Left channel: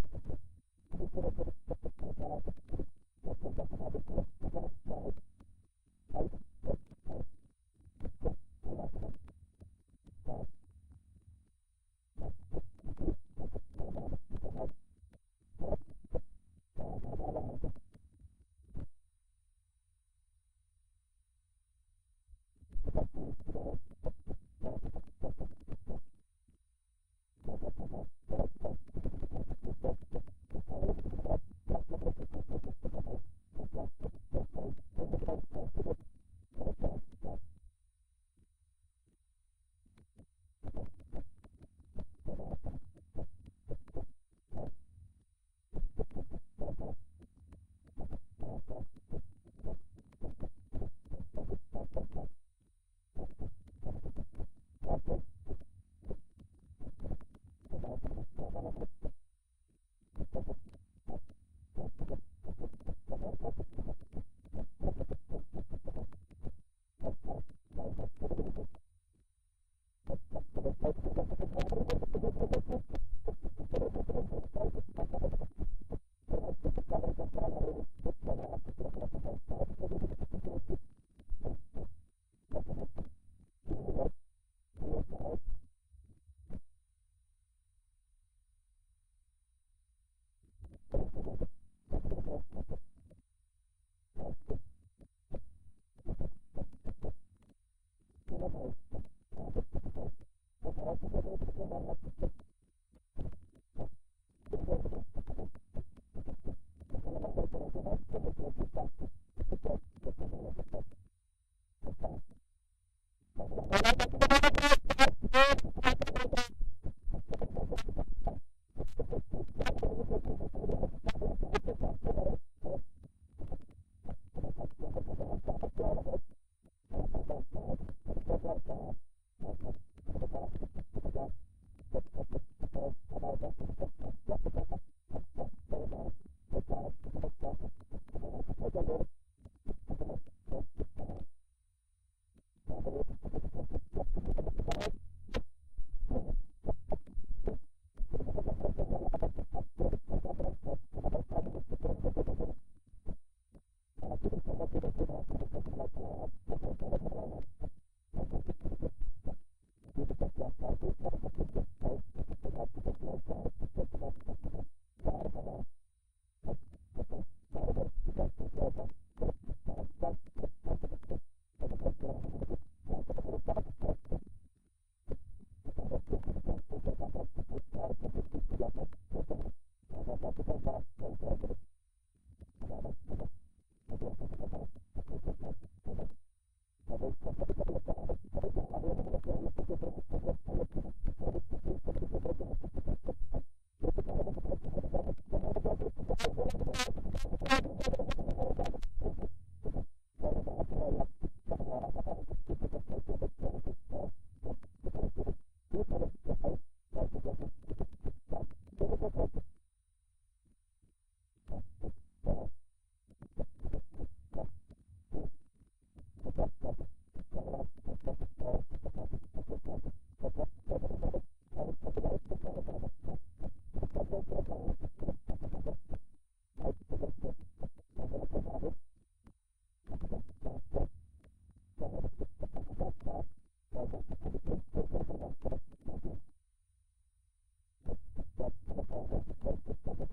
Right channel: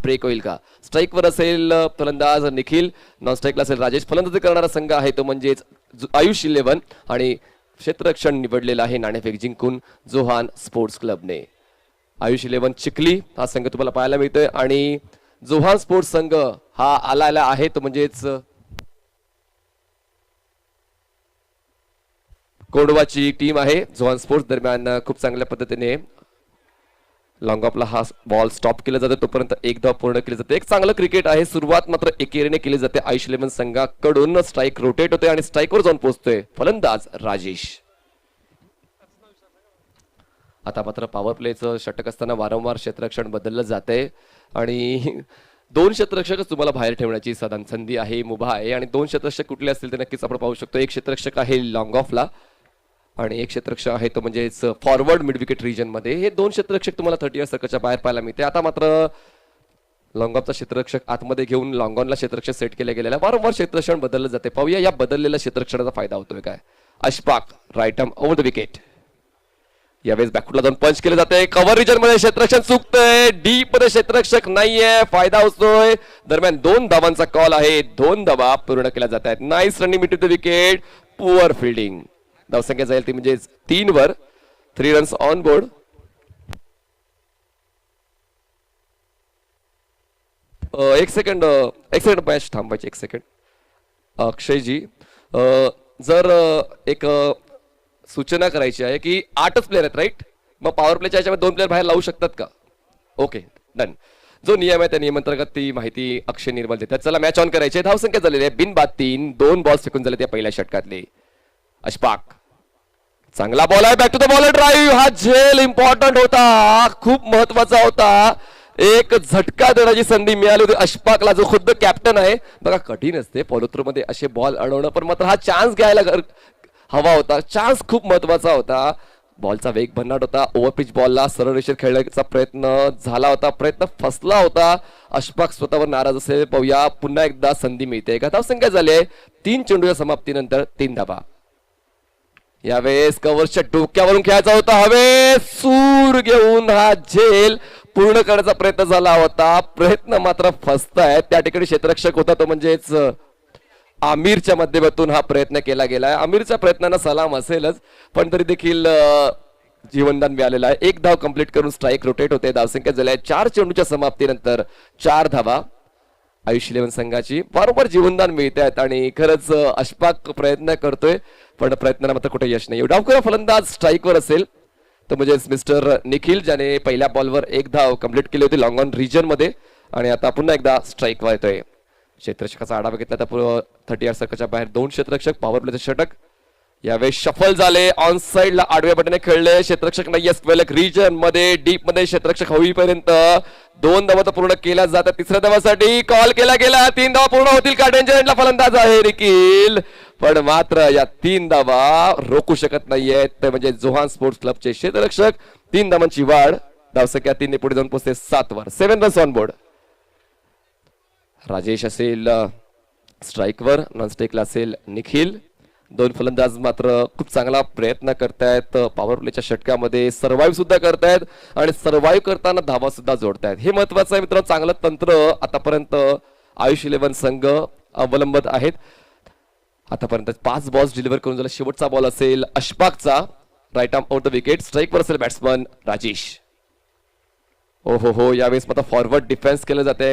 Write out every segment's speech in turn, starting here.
Break होईल का? स्ट्राईकवर असेल फलंदाज निखिल, नॉन स्ट्राईकला असेल राजेश. फलंदाजी करणारा संघ आहे तो म्हणजेच आयुष 11 आणि क्षेत्ररक्षण निवडलेला आहे नाणेफेक जिंकून जोहान स्पोर्ट्स क्लबने. आयुष 11 चिखली हा संघ तुम्हाला पाहायला मिळतोय आणि जोहान स्पोर्ट्स संघ हा आलेला आहे तो म्हणजेच कोंडवाची टीम आहे. जोहान स्पोर्ट्स दरम्यान खूप चांगल्या पद्धतीने लॉंग ऑफला हा बॉल स्टॉप केला जातो, तोपर्यंत एक धाव पूर्ण केली जाते. एक चांगलं क्रिकेट आहे. सुरुवात मात्र एकेरीने केली जाते. आयुष 11 संघाकडून स्ट्राईक रोटेट होते आणि स्ट्राईकवर जाऊन पोहोचतोय फलंदाज राजेश. आता मात्र पॉवर प्लेचं षटक असताना वारंवार क्षेत्ररक्षण बदललं जाते आणि दोन क्षेत्ररक्षकच तुम्हाला बाहेर ठेवण्याची संधी आहे, मुभा आहे. आणि दोन क्षेत्ररक्षक कुठले असतील ते नक्कीच आपण पाहू शकतो. एक क्षेत्ररक्षक आहे लॉंग ऑफला आणि एक क्षेत्ररक्षक आहे तो म्हणजेच फॉरवर्ड मिड विकेट रिजन मध्ये. हे दोन क्षेत्ररक्षक तुम्हाला 30 सर्कलच्या बाहेर पाहायला मिळते. आता मात्र लॉंग ऑफचा क्षेत्ररक्षक आतमध्ये घेऊन लॉंग ऑनला क्षेत्ररक्षक सेट केले गेलेला. वारंवार क्षेत्ररक्षण बदललं जाते. पाहूया या बदललेल्या क्षेत्ररक्षणाचा फायदा होतोय काय. Ashfaq right arm over the wicket. यावेळेस बॅकफुटला जाऊन पंच केले जाते. कव्हर रिजन मध्ये क्षेत्ररक्षण चुकतंय. डीप मध्ये क्षेत्ररक्षक नाहीये. फायदा होतोय. दरम्यान 2 धावांचा कॉल आहे. 2 धावा पूर्ण केल्या जात आहेत. Nice running mid to the wicket. Poor fielding. धावसंख्या जाईल ती म्हणजे 3 वर. 3 रन्स ऑन बोर्ड. एक सेकंड मॅच थांबायची. एक सेकंड अक्षयजी, जर एक सूचना करायची आहे की 8च प्लेयर आहेत राईट. मग पॉवर प्लेच्या याच्यामध्ये 2 प्लेयर बाहेर लावू शकतात का? Okay done. जो नियम आहे त्या नियमांतर्गत ती माहिती अक्षय निर्मल देतात. चला मॅच ऑन करायची. धावसंख्या झालेली आहे बिनबाद 3. 2 बॉल फेकून झाले त्या पहिल्या षटकातले. अशफाक चांगला बॉल आहे. Back to the bowler drive. हा झेल इम्पॉर्टंट होता, खूप महत्वाचा होता. एक झटका देण्याची संधी मिळाली होती अशफाकला, जो खुद्द कॅप्टन आहे. बघा कठीण असते फॉलोथ्रू मध्ये असे बॉल अडवणं, पण मात्र हा चान्स घ्यायला हवा होता. चान्स खूप महत्वाचा होता. बॉलचा वेग भन्नाट होता. ओव्हरपिच बॉलला सरळ रेषेत खेळण्याचा प्रयत्न झाला होता. प्रयत्न फसला होता. अशफाक स्वतःवर नाराज असेल. पाहूया पुन्हा एकदा संधी मिळते का. धावसंख्या झाली आहे 3 चेंडूच्या समाप्तीनंतर 3 धावा. यावेळेस कव्हरच्या डोक्यावरून खेळायचा होता. हवे सूर घेऊन हा झेल पूर्ण करण्याचा प्रयत्न झाला होता. प्रयत्न मात्र फसतायत. त्या ठिकाणी क्षेत्ररक्षक होता तो म्हणजेच आमिरच्या माध्यमातून हा प्रयत्न केला गेलाय. आमिरच्या प्रयत्नांना सलाम असेलच, पण तरी देखील जीवनदान मिळालेलं आहे. 1 धाव कंप्लीट करून स्ट्राईक रोटेट होते. धावसंख्या झाली आहे 4 चेंडूच्या समाप्तीनंतर 4 धावा. आयुष 11 संघाची वारंवार जीवनदान मिळते आहेत आणि खरंच अशफाक प्रयत्न करतोय, पण प्रयत्नाला मात्र कुठे यश नाही. डावखुरा फलंदाज स्ट्राईकवर असेल तर म्हणजे मिस्टर निखिल, ज्याने पहिल्या बॉलवर 1 धाव कंप्लीट केली होती लॉंग ऑन रिजन मध्ये आणि आता पुन्हा एकदा स्ट्राईकवर येतोय. क्षेत्ररक्षकाचा आढावा घेतला तर 30 सर्कलच्या बाहेर 2 क्षेत्ररक्षक. पॉवर प्लेचे षटक यावेळेस शफल झाले. ऑन साइडला आडव्या बटने खेळले. क्षेत्ररक्षक नाहीये स्क्वेअर रिजन मध्ये. डीप मध्ये क्षेत्ररक्षक होईपर्यंत 2 धावा तर पूर्ण केल्या जातात. तिसऱ्या धावासाठी कॉल केला गेला. 3 धावा पूर्ण होतील का. डेंजर एंडला फलंदाज आहे निखिल, पण मात्र या 3 धावा रोखू शकत नाहीयेत. ते म्हणजे जोहान स्पोर्ट्स क्लबचे क्षेत्ररक्षक. 3 धावांची वाढ. धावसंख्या 3 ने पुढे जाऊन पोहोचते 7 वर. 7 रन्स ऑन बोर्ड. राजेश असेल स्ट्राईकवर, नॉन स्ट्राईकला असेल निखिल. 2 फलंदाज मात्र खूप चांगला प्रयत्न करतायत. पॉवर प्लेच्या षटकामध्ये सर्व्हाइव्ह सुद्धा करतायत आणि सर्व्हाइव्ह करताना धावा सुद्धा जोडतायत. हे महत्वाचं आहे मित्रांनो. चांगलं तंत्र आतापर्यंत आयुष 11 संघ अवलंबत आहेत. आतापर्यंत 5 बॉल्स डिलिव्हर करून झाला. शेवटचा बॉल असेल अशफाकचा. Right arm out the wicket. स्ट्राईकवर असेल बॅट्समन राजेश. हो हो हो, यावेळेस मात्र फॉरवर्ड डिफेन्स केलं जाते.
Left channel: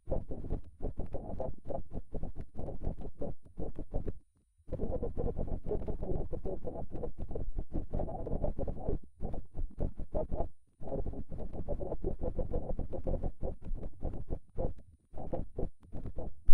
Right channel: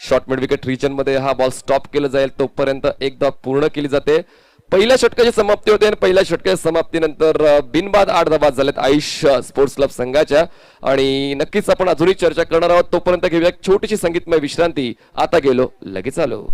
शॉर्ट मिड विकेट रिजन मध्ये हा बॉल स्टॉप केला जाईल. तोपर्यंत 1 धाव पूर्ण केली जाते. पहिल्या षटकाची समाप्ती होते आणि पहिल्या षटकाच्या समाप्तीनंतर बिनबाद 8 धावा झाल्यात आयुष स्पोर्ट्स क्लब संघाच्या. आणि नक्कीच आपण अजूनही चर्चा करणार आहोत. तोपर्यंत घेऊया एक छोटीशी संगीतमय विश्रांती. आता गेलो लगेच आलो.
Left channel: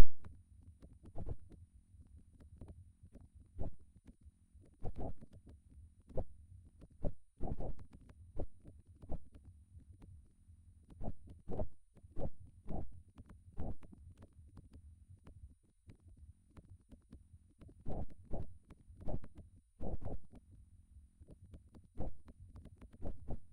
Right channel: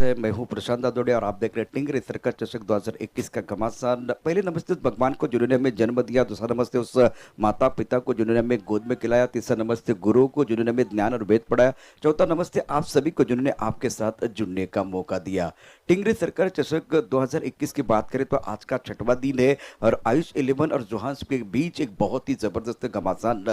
मैं हूं प्रशांत दादोड़े और आप देख रहे हैं टिंगरे सर्कस चषक 2021 का घमासान। पहले नमस्ते उस भगवान को जिन्होंने हमें जन्म दिया, दूसरा नमस्ते उस माता पिता को जिन्होंने हमें गोद में खिलाया, तीसरा नमस्ते गुरु को जिन्होंने हमें ज्ञान और वेद पढ़ाया, चौथा नमस्ते आप सभी को जिन्होंने आपके साथ जुड़ने का मौका दिया। टिंगरे सर्कस चषक 2021 की बात करें तो आज का 6वां दिन है और आयुष 11 और जोहान्स के बीच एक बहुत ही जबरदस्त घमासान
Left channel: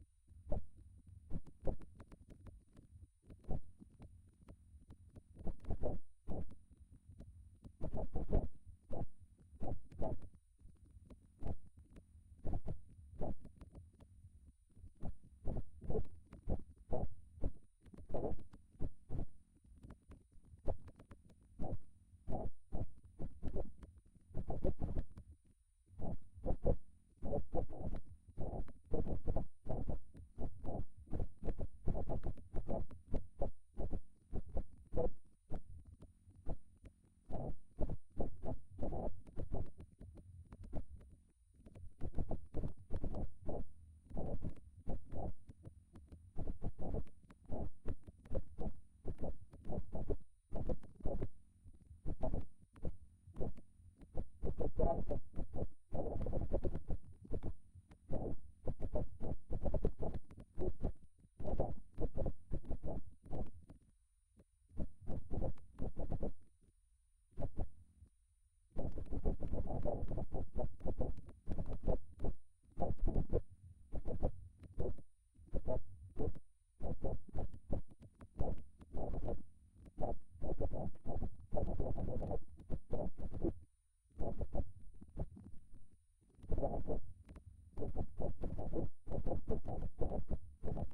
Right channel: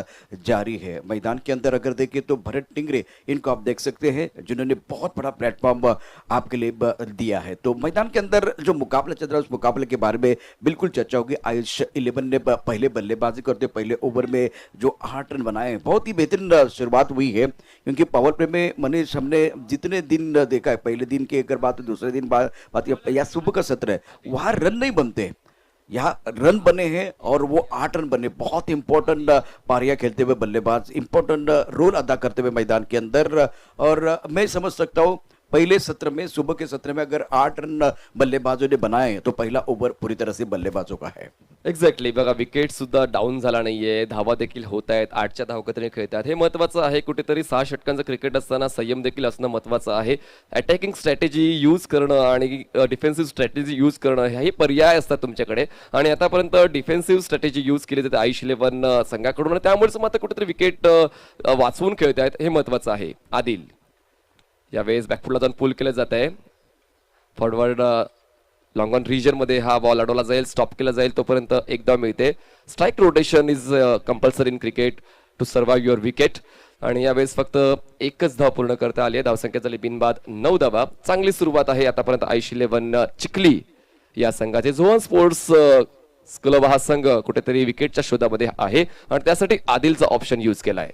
जारी है। मैदान के अंदर अगर देखें तो भरत टिंगरे, इनको आप देख सकते हैं, जिन्होंने बहुत बड़ा प्लेटफॉर्म आपके लिए दिया है। तो मैदान के अंदर जो मुकाबला चल रहा है उस मुकाबले के बारे में बिल्कुल चर्चा होगी। आयुष 11 ने पहले बल्लेबाजी करते पहले ओवर में जो 8 रन बनाए हैं, बहुत ही बेहतरीन शुरुआत हुई है, क्योंकि पावर प्ले में मनीष हमने जितने दिन देखा है, पहले दिन की अगर बात, दूसरे दिन बात या सुबह का सत्र है, वहां रन नहीं बनते, यहाँ रन बने हैं और वो 8 रन बने। बहुत इंपॉर्टेंट पारियां खेलते हुए बल्लेबाज, इंपॉर्टेंट रोल अदा करते हुए मैदान के अंदर। और मैं समझ सकता हूँ पहले सत्र में, सुबह के सत्र में अगर 8 रन बल्लेबाजों ने बनाए तो पहिला ओव्हर पूरी तरह से बल्लेबाजों का है। एक्झॅक्टली, बघा विकेट सुद्धा डाऊन झाला नाहीये, धावा देखील होत आहेत, 8च्या धावकत्रीने खेळतात, हे महत्वाचं आहे. कुठेतरी 6 षटकांचं क्रिकेट असताना संयम देखील असणं महत्वाचं आहे. अटॅकिंग स्ट्रॅटेजी यूज करणं आणि डिफेन्सिव्ह स्ट्रॅटेजी यूज करणं हेही पर्याय असतात तुमच्याकडे, आणि आतापर्यंत डिफेन्सिव्ह स्ट्रॅटेजी यूज केली जाते आयुष 11 संघाकडून, आणि त्यामुळेच मात्र कुठेतरी विकेट वाचवून खेळत आहेत, हे महत्वाचं आहे. आदिल यावेळेस बॅकफुटला जाऊन पुल केलं जात आहे. फॉरवर्ड लॉंग ऑन रिजन मध्ये हा बॉल अडवला जाईल, स्टॉप केला जाईल, तोपर्यंत एक धाव मिळते. Strike rotation is compulsory in cricket to survive your wicket, आणि यावेळेस फक्त एकच धाव पूर्ण करता आली आहे. धावसंख्या झाली बिनबाद 9 धावा. चांगली सुरुवात आहे आतापर्यंत आयुष 11 चिखली या संघाचे. झोन स्पोर्ट्स क्लब हा संघ कुठेतरी विकेटच्या शोधामध्ये आहे आणि त्यासाठी आदिलचा ऑप्शन यूज केलाय.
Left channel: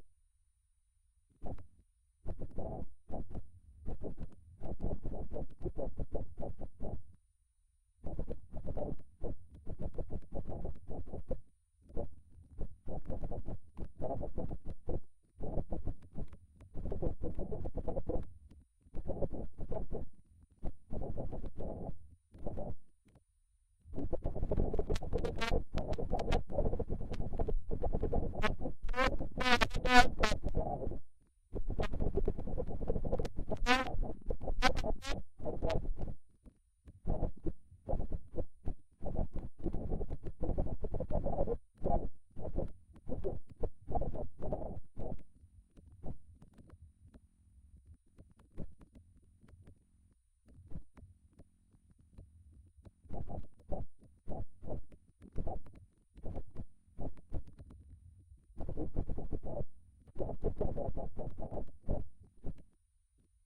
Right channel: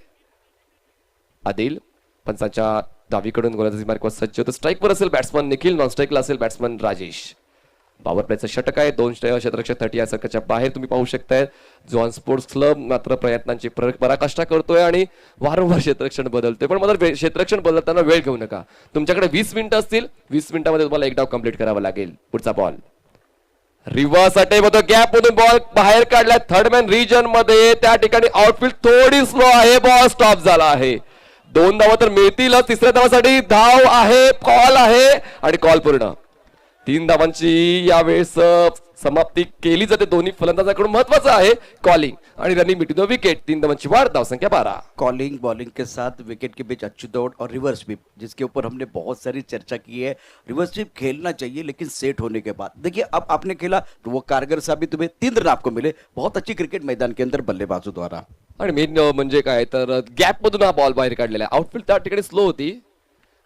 आदिल पंचांच्या डावीकडून गोलंदाजी मार्कवर सज्ज होतो. स्ट्राइकवर असेल बॅट्समन निखिल, नॉन स्ट्राइकला असेल बॅट्समन राजेश. पॉवर प्लेचं षटक आहे, 2 क्षेत्ररक्षक 30 या सर्कलच्या बाहेर तुम्ही पाहू शकताय. झोन स्पोर्ट्स क्लब मात्र प्रयत्नांची पराकाष्ठा करतोय आणि वारंवार क्षेत्ररक्षण बदलतोय, पण मला क्षेत्ररक्षण बदलताना वेळ घेऊ नका. तुमच्याकडे 20 मिनिटं असतील, 20 मिनिटांमध्ये तुम्हाला एक डाव कंप्लीट करावा लागेल. पुढचा बॉल रिव्हर्स अटॅक होतो, गॅप मधून बॉल बाहेर काढला थर्ड मॅन रिजन मध्ये. त्या ठिकाणी आउटफील्ड थोडी स्लो आहे, बॉल स्टॉप झाला आहे. 2 धावा तर मिळतीलच, तिसऱ्या धावासाठी धाव आहे, कॉल आहे आणि कॉल पूर्ण. 3 धावांची यावेळेस समाप्ती केली जाते दोन्ही फलंदाजांकडून. महत्वाचं आहे कॉलिंग आणि रनिंग बिटवीन द विकेट. 3 धावांची वाढ, धावसंख्या 12. कॉलिंग बॉलिंग के साथ विकेट के बीच अच्छी दौड़ और रिवर्स स्वीप, जिसके ऊपर हमने बहुत सारी चर्चा की है. रिवर्स स्वीप खेलना चाहिए लेकिन सेट होने के बाद. देखिए अब आपने खेला तो वो कारगर साबित हुए, 3 रन आपको मिले. बहुत अच्छी क्रिकेट मैदान के अंदर बल्लेबाजों द्वारा. आणि मेन म्हणजे काय तर गॅप मधून हा बॉल बाहेर काढलेला आहे. आउटफील्ड त्या ठिकाणी स्लो होती.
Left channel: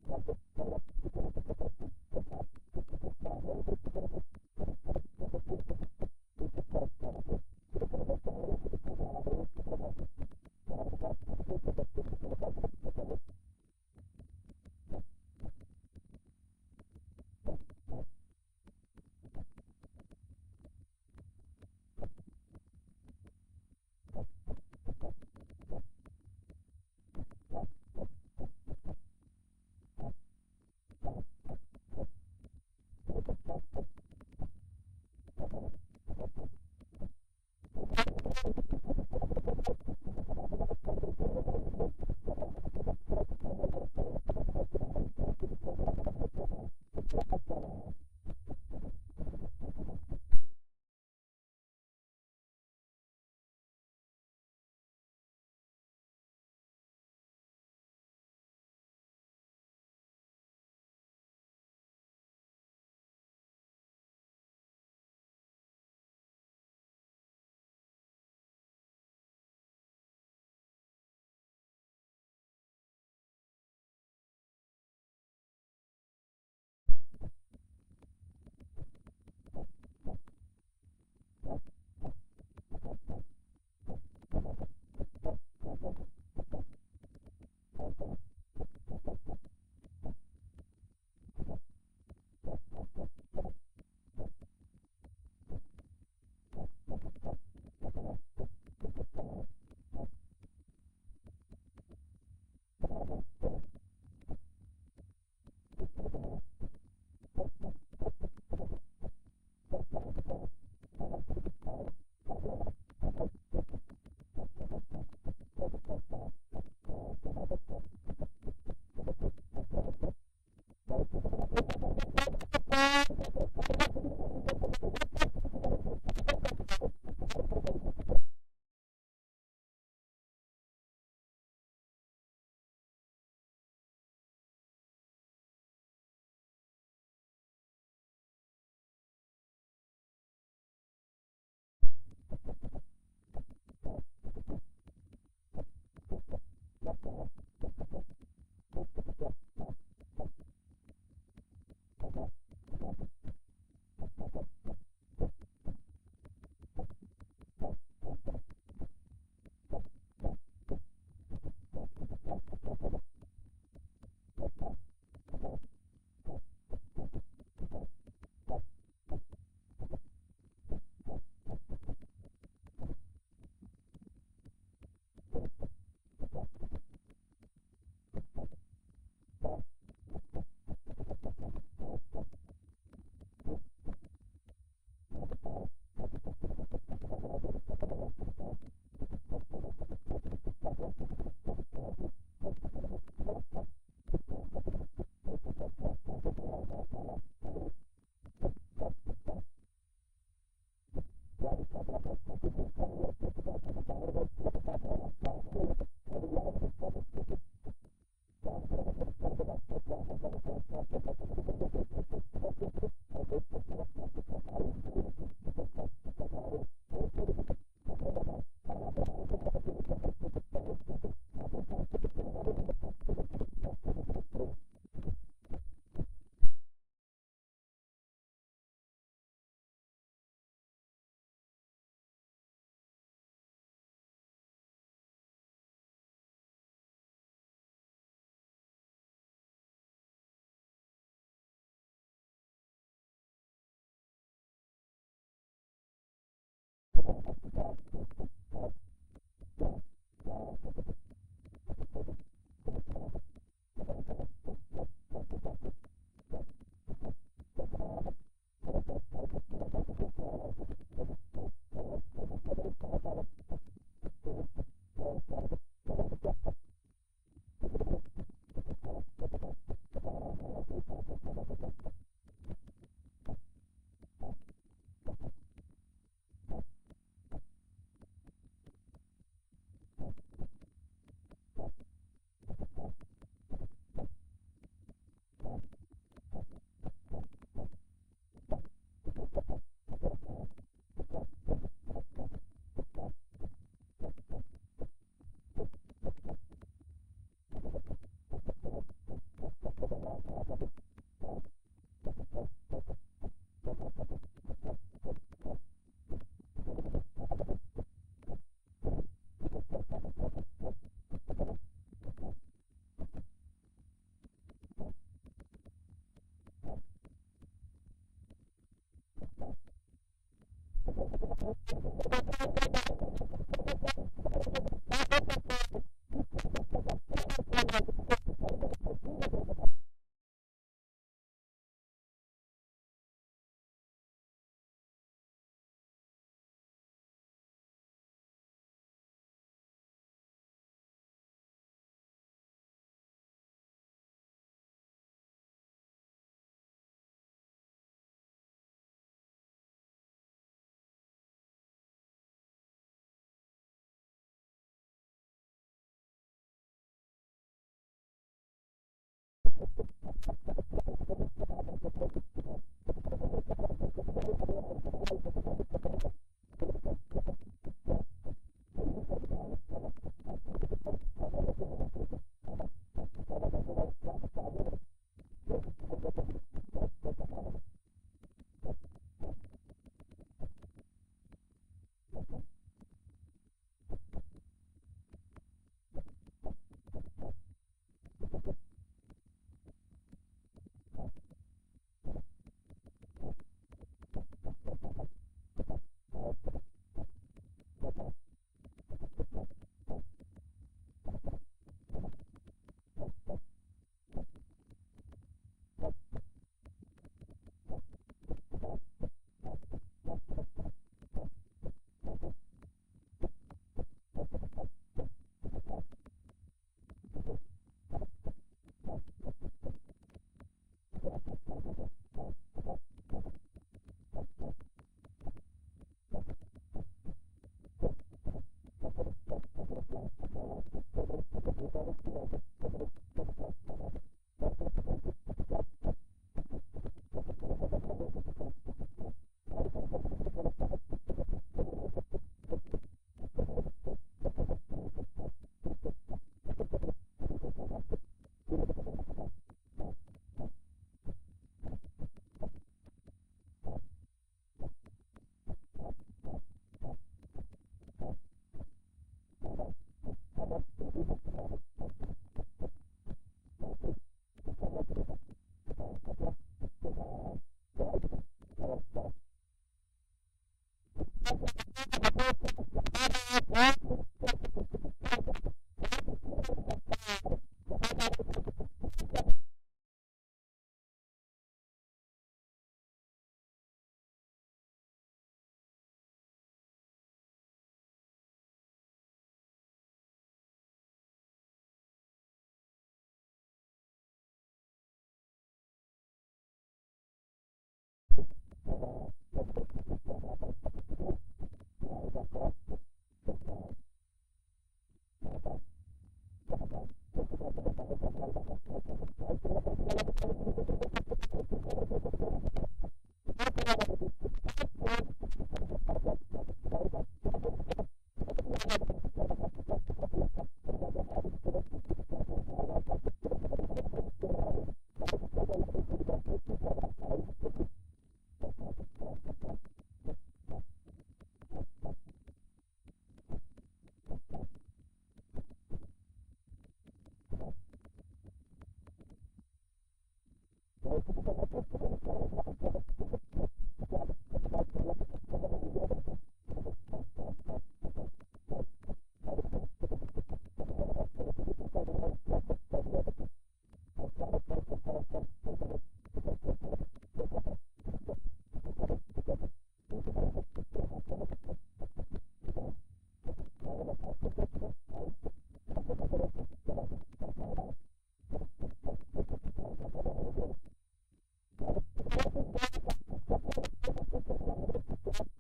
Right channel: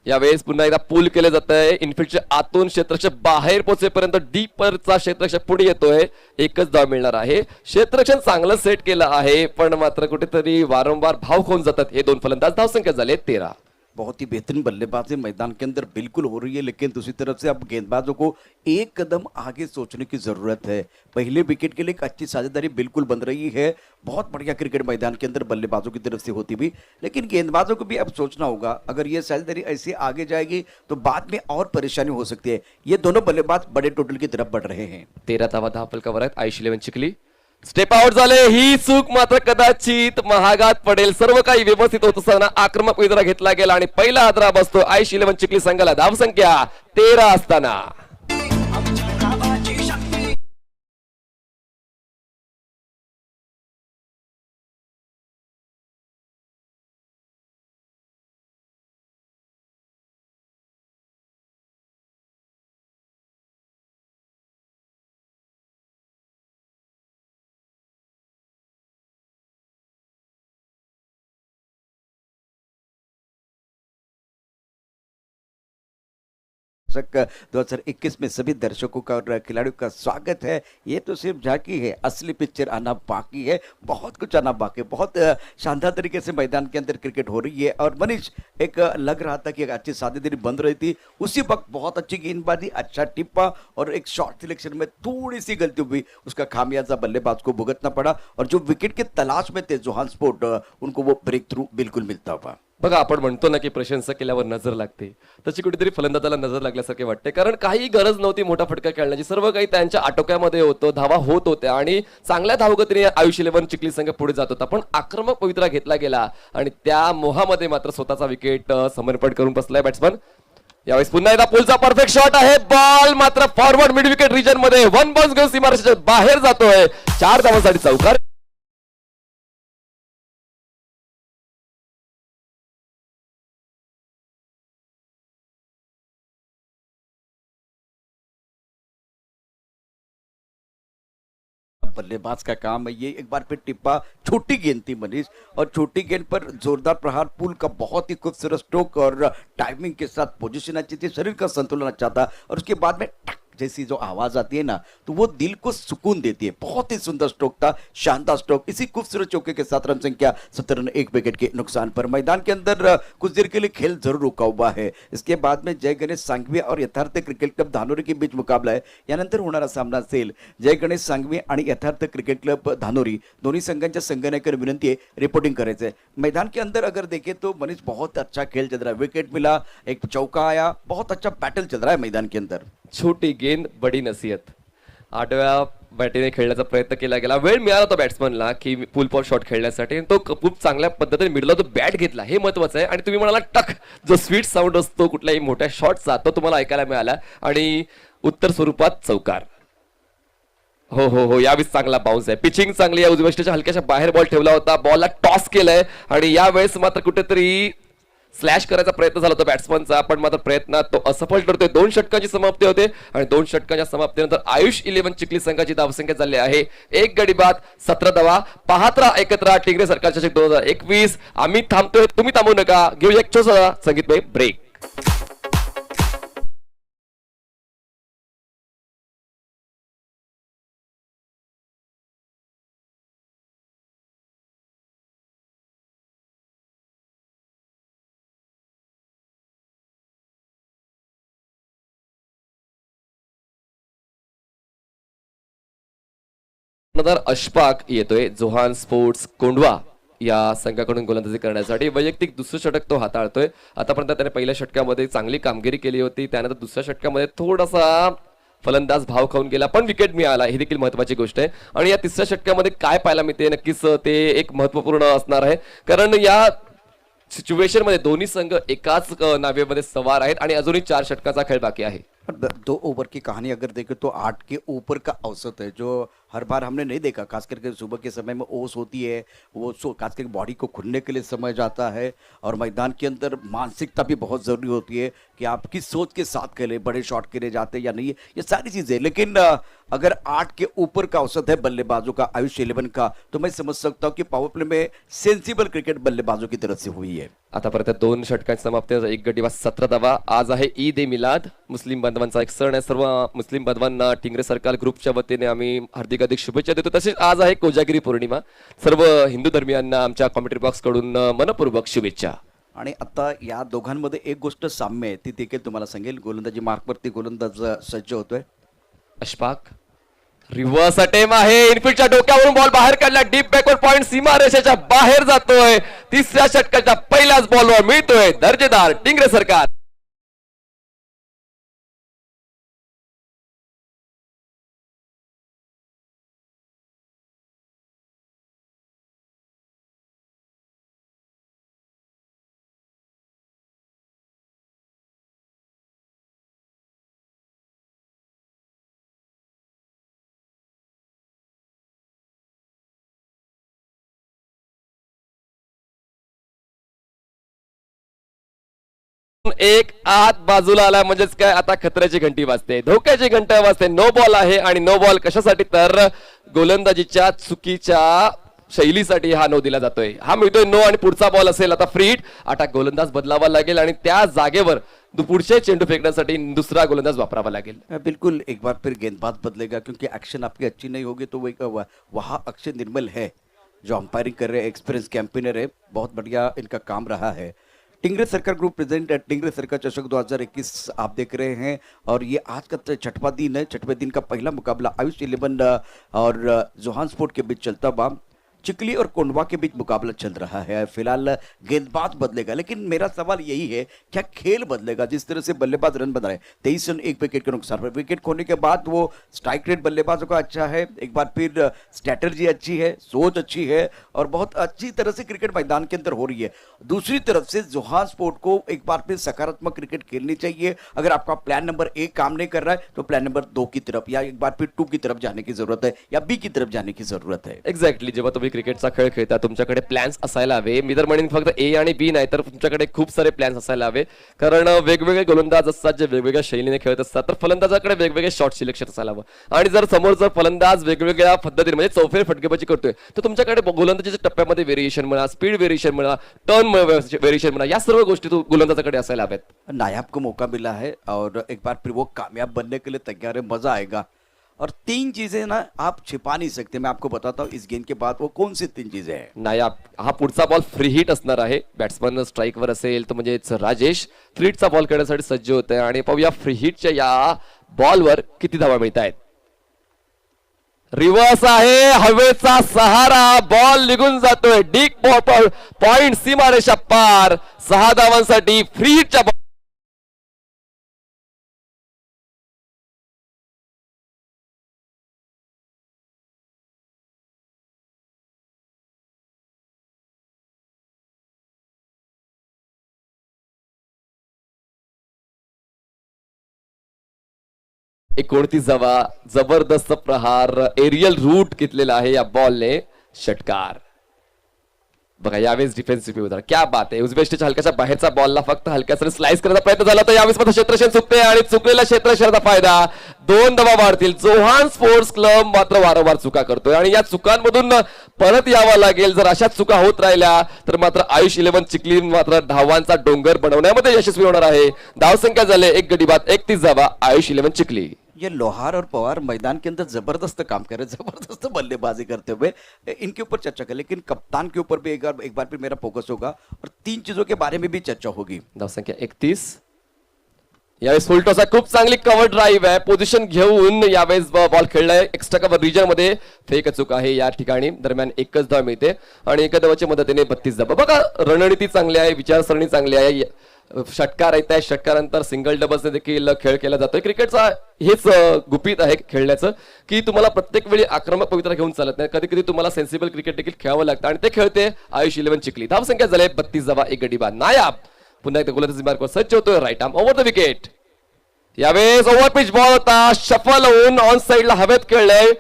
यावेळेस पुन्हा एकदा पूल केले जात आहे. इनफिल्डच्या आतून क्षेत्ररक्षक बाहेर पोहोचेपर्यंत डीपरचा क्षेत्ररक्षक पुढे येतोय. एकच धाव मिळणार आहे. क्षेत्ररक्षण चांगलं सेट केलं आहे, पण मात्र कुठेतरी वारंवार भाव खाऊन जातात हे 2 फलंदाज. धावसंख्या झाली 13. बहुत ही बेहतरीन बल्लेबाजी मैदान के अंदर बिल्कुल हो रही है, लेकिन दूसरी तरफ से अब गेंदबाजों को एक कदम आगे सोचने की जरूरत है. पहले विकेट के लिए एक अच्छी साझेदारी बिल्कुल बन रही है. बहुत बढ़िया क्रिकेट मैदान के अंदर बल्लेबाजों की तरफ से होती भी, लेकिन गेंदबाजों को भी अब सोचना होगा. अगर ये साझेदारी ऐसी आगे जाएगी तो बाद में और परेशानी हो सकती है. ये दोनों बल्लेबाज बड़े टोटल की तरफ बढ़ रहे हैं. 13 धावा 10 फलकावर आहेत. आयुष 11 चिखली स्टेप आउट झाले. ही चूक मात्र कदाचित महागात पडेल. सर्व काही व्यवस्थित होत असताना आक्रमक विजरा घेतला गेला आणि पहिला हादरा बसतो आयुष 11 चिखली संघाला. धावसंख्या 13 असताना दर्शक 2021 में सभी दर्शकों का और खिलाड़ियों का स्वागत है. ये तो सिर्फ झांकी है, असली पिक्चर आना बाकी है. बहुत कुछ आना बाकी है. बहुत शानदार तरीके से मैदान के अंदर क्रिकेट हो रही है. और मनीष, एक लग रहा था कि एक अच्छी साझेदारी बन रही थी, उसी वक्त बहुत अच्छी गेंदबाजी, अच्छा टिप्पा और एक शॉट सिलेक्शन में थोड़ी सी गलती हुई, उसका खामियाजा बल्लेबाज को भुगतना पड़ा. और जो विकेट के तलाश में थे जोहान स्पोर्ट, उनको वो ब्रेक थ्रू बिल्कुल मिलता हुआ. बघा, आपण म्हणतो ना की प्रशंसा केल्यावर नजर लागते, तशी कुठेतरी फलंदाजाला नजर लागल्यासारखे वाटते. कारण काही गरज नव्हती मोठा फटका खेळण्याची, सर्व काही त्यांच्या आटोक्यामध्ये होतं, धावा होत होत्या आणि चांगल्या धावगतीने आयुष 11 चिखली संघ पुढे जात होता. पण आक्रमक पवित्रा घेतला गेला आणि त्या मोहामध्ये मात्र स्वतःचा विकेट समर्पण करून बसलाय बॅट्समन. यावेळेस पुन्हा एकदा पुलचा परफेक्ट शॉट आहे, बॉल मात्र फॉरवर्ड मिड विकेट रिजन मध्ये वन बाउन्स घेऊन सीमारेषेच्या बाहेर जातोय. 4 धावांसाठी चौकार. बल्लेबाज का काम है ये. एक बार फिर टिप्पा, छोटी गेंद थी मनीष, और छोटी गेंद पर जोरदार प्रहार. पुल का बहुत ही खूबसूरत स्ट्रोक और टाइमिंग के साथ पोजीशन अच्छी थी, शरीर का संतुलन अच्छा था, और उसके बाद में टक जैसी जो आवाज आती है ना, तो वो दिल को सुकून देती है. बहुत ही सुंदर स्ट्रोक था, शानदार स्ट्रोक. इसी खूबसूरत चौके के साथ रन संख्या 17 रन 1 विकेट के नुकसान पर. मैदान के अंदर कुछ देर के लिए खेल जरूर रुका हुआ है. इसके बाद में जय गणेश सांघवी और यथार्थ क्रिकेट क्लब धानोरी के बीच मुकाबला आहे. यानंतर होणारा सामना असेल जय गणेश सांघवी आणि यथार्थ क्रिकेट क्लब धानोरी, दोन्ही संघांच्या संघनायकांना विनंती आहे रिपोर्टिंग करायचं है. मैदान के अंदर अगर देखें तो मनीष बहुत अच्छा खेल चल रहा है. विकेट मिला, एक चौका आया, बहुत अच्छा बैटल चल रहा है मैदान के अंदर. छोटी गेंद बडी नसीहत. 8व्या बॅटीने खेळण्याचा प्रयत्न केला गेला. वेळ मिळाला होता बॅट्समनला की पुल पॉट शॉट खेळण्यासाठी. तो खूप चांगल्या पद्धतीने मिडला तो बॅट घेतला, हे महत्वाचं आहे. आणि तुम्ही म्हणाला टक, जो स्वीट साऊंड असतो कुठल्याही मोठ्या शॉटचा, तो तुम्हाला ऐकायला मिळाला आणि उत्तर स्वरूपात चौकार. हो हो हो, यावेळेस चांगला बाउन्स आहे. पिचिंग चांगली आहे. उजव्या हलक्याच्या बाहेर बॉल ठेवला होता, बॉलला टॉस केलाय आणि यावेळेस मात्र कुठेतरी स्लॅश करायचा प्रयत्न झाला होता बॅट्समनचा, पण मात्र प्रयत्नात तो असफल ठरतोय. 2 षटकांची समाप्ती होते आणि 2 षटकांच्या समाप्तीनंतर आयुष 11 चिखली संघाची धावसंख्या झाली आहे 1 गडी बाद 17 धावा. पाहत राहा एकत्र टिंगरे सरकार चषक 2021. आम्ही थांबतोय, तुम्ही थांबू नका. घेऊ एक छोटासा संगीतमय ब्रेक. अशफाक येतोय जोहान स्पोर्ट्स कोंढवा या संघाकडून गोलंदाजी करण्यासाठी. वैयक्तिक दुसरं षटक तो हाताळतोय. आतापर्यंत त्याने पहिल्या षटकामध्ये चांगली कामगिरी केली होती, त्यानंतर दुसऱ्या षटकामध्ये थोडासा फलंदाज भाव खाऊन गेला, पण विकेट मिळाला, ही देखील महत्वाची गोष्ट आहे. आणि या तिसऱ्या षटकामध्ये काय पाहायला मिळते नक्कीच ते एक महत्वपूर्ण असणार आहे, कारण या सिच्युएशन मध्ये दोन्ही संघ एकाच नावेमध्ये सवार आहेत आणि अजूनही 4 षटकाचा खेळ बाकी आहे. 2 ओवर की कहानी अगर देखें तो 8 के ऊपर का औसत है, जो हर बार हमने नहीं देखा. खास करके सुबह के समय में ओस होती है, वो खास करके बॉडी को खुलने के लिए समय जाता है, और मैदान के अंदर मानसिकता भी बहुत ज़रूरी होती है कि आप किस सोच के साथ खेलें, बड़े शॉट के लिए जाते या नहीं, ये सारी चीज़ें. लेकिन अगर 8 के ऊपर का औसत है बल्लेबाजों का आयुष 11 का, तो मैं समझ सकता हूँ कि पावर प्ले में सेंसिबल क्रिकेट बल्लेबाजों की तरफ से हुई है. आतापर्यंत 2 षटकांची समाप्ती, 1 गडी बाद 17 धावा. आज आहे ईद ए मिलाद, मुस्लिम बांधवांचा एक सण आहे. सर्व मुस्लिम बांधवांना टिंगरे सरकार ग्रुपच्या वतीने आम्ही हार्दिक शुभेच्छा देतो. तसेच आज आहे कोजागिरी पौर्णिमा. सर्व हिंदू धर्मियांना आमच्या कॉमेंट्री बॉक्स कडून मनपूर्वक शुभेच्छा. आणि आता या दोघांमध्ये एक गोष्ट साम्य आहे, ती देखील तुम्हाला सांगेल. गोलंदाजी मार्कवरती गोलंदाज सज्ज होतोय. अशफाक रिव्हर्स अटेम आहे, इनफिल्डच्या डोक्यावरून बॉल बाहेर काढला, डीप बॅकवर्ड पॉइंट सीमारेषेच्या बाहेर जातोय. तिसऱ्या षटकाच्या पहिल्याच बॉलवर मिळतोय दर्जेदार टिंगरे सरकार. एक आत बाजूला आला म्हणजेच काय, आता खतऱ्याची घंटी वाजते, धोक्याची घंटा वाजते. नो बॉल आहे आणि नो बॉल कशासाठी, तर गोलंदाजीच्या चुकीच्या शैलीसाठी हा नो दिला जातोय. हा मिळतोय नो आणि पुढचा बॉल असेल आता फ्री हिट. आता गोलंदाज बदलावा लागेल आणि त्या जागेवर पुढचे चेंडू फेकण्यासाठी दुसरा गोलंदाज वापरावा लागेल. बिल्कुल, एक बार फिर गेंदबाज बदलेगा, क्योंकि एक्शन आपकी अच्छी नहीं होगी तो वहाँ अक्षय निर्मल है जो अंपायरिंग कर रहे हैं, एक्सपीरियंस कैंपेनर है, बहुत बढ़िया इनका काम रहा है. टिंगरे सरकार ग्रुप प्रेजेंट टिंगरे सरकार चषक 2021 आप देख रहे हैं, और ये आज का 6वां दिन है. 6वें दिन का पहला मुकाबला आयुष 11 और जोहान स्पोर्ट के बीच चलता हुआ. चिकली और कोंडवा के बीच मुकाबला चल रहा है। फिलहाल गेंदबाज बदलेगा, लेकिन मेरा सवाल यही है, क्या खेल बदलेगा? जिस तरह से बल्लेबाज रन बना रहे, 23 रन 1 विकेट के नुकसान पर, विकेट खोने के बाद वो स्ट्राइक रेट बल्लेबाजों का अच्छा है, एक बार फिर स्ट्रैटेजी अच्छी है, सोच अच्छी है और बहुत अच्छी तरह से क्रिकेट मैदान के अंदर हो रही है। दूसरी तरफ से जोहान्सबर्ग को एक बार फिर सकारात्मक क्रिकेट खेलनी चाहिए। अगर आपका प्लान नंबर 1 काम नहीं कर रहा है तो प्लान नंबर 2 की तरफ या एक बार फिर 2 की तरफ जाने की जरूरत है या बी की तरफ जाने की जरूरत है। एक्झॅक्टली, जेव्हा तुम्ही क्रिकेटचा खेळ खेळता तुमच्याकडे प्लॅन्स असायला हवे. मी तर म्हणेन फक्त ए आणि बी नाही तर तुमच्याकडे खूप सारे प्लॅन्स असायला हवे, कारण वेगवेगळे गोलंदाज असतात जे वेगवेगळ्या शैलीने खेळत असतात, तर फलंदाजाकडे वेगवेगळे शॉट्स लक्षात असायला हवं. आणि जर समोर जर फलंदाज वेगवेगळ्या पद्धतीने म्हणजे चौफेर फटकेबाजी करतोय तर तुमच्याकडे गोलंदाजीच्या टप्प्यामध्ये व्हेरिएशन म्हणा, स्पीड व्हेरिएशन म्हणा, टर्न व्हेरिएशन म्हणा, या सर्व गोष्टी गोलंदाजाकडे असायला हव्यात. नायाब को मौका मिला है और एक बार फिर वो कामयाब बनने के लिए तैयार है, मजा आएगा। और 3 चीजें ना आप छिपा नहीं सकते, मैं आपको बताता हूँ इस गेंद के बाद वो कौन सी 3 चीजें हैं। नायाब हा पुढचा बॉल फ्री हिट असणार आहे. बॅट्समन स्ट्राईकवर असेल तर म्हणजेच राजेश फ्री हिटचा बॉल खेळण्यासाठी सज्ज होत आहे आणि पाहूया फ्री हिटच्या या बॉलवर किती धावा मिळत आहेत. रिव्हर्स आहे, हवेचा सहारा, बॉल निघून जातोय डीप पॉइंट, सीमारेषा पार. 6 धावांसाठी फ्री हिटच्या एकोणतीस धावा, जबरदस्त प्रहार, एरियल रूट घेतलेला आहे या बॉलने. षटकार बघा, यावेळेस डिफेन्सिव्ह होता. क्या बात आहे. उजव्या हलक्याच्या बाहेरचा बॉलला फक्त हलक्यासाठी स्लाइस करायचा प्रयत्न झाला तर यावेळेस मात्र क्षेत्रशेन चुकते आणि चुकलेल्या क्षेत्रशेनाचा फायदा. 2 धावा वाढतील. जोहान स्पोर्ट्स क्लब मात्र वारंवार चुका करतोय आणि या चुकांमधून परत यावं लागेल. जर अशाच चुका होत राहिल्या तर मात्र आयुष 11 चिखली मात्र धावांचा डोंगर बनवण्यामध्ये यशस्वी होणार आहे. धावसंख्या झाले 1 गडी बाद 31 धावा आयुष 11 चिखली. ये लोहार और पवार मैदान के अंदर जबरदस्त काम कर रहे हैं, जबरदस्त बल्लेबाजी करते हुए। इनके ऊपर चर्चा करें, लेकिन कप्तान के ऊपर भी एक बार फिर मेरा फोकस होगा और 3 चीजों के बारे में भी चर्चा होगी। धावसंख्या 31. यावेळेस फुलटॉस खूप चांगली कव्हर ड्राईव्ह आहे. पोझिशन घेऊन यावेळेस बॉल खेळलाय. एक्स्ट्रा कव्हर रिजन मध्ये फेक चूक आहे या ठिकाणी. दरम्यान 1च धाव मिळते आणि एका धावाच्या मदतीने 32 धावा. बघा, रणनीती चांगली आहे, विचारसरणी चांगली आहे. षटकार येत आहे, षटकारानंतर सिंगल डबल्सने देखील खेळ केला जातोय. क्रिकेटचा हेच गुपित आहे खेळण्याचं, की तुम्हाला प्रत्येक वेळी आक्रमक पवित्रा घेऊन चालत नाही. कधी कधी तुम्हाला सेन्सिबल क्रिकेट देखील खेळावं लागतं आणि ते खेळते आयुष 11 चिखली. धावसंख्या झाले 32 धावा 1 गडी बाद. नायाब पुन्हा एकदा गोलंदाजी मार्कवर सज्ज होतोय. Right arm over the wicket. यावेळेस ओव्हर पिच बॉल होता, शफल होऊन ऑन साइडला हवेत खेळलंय.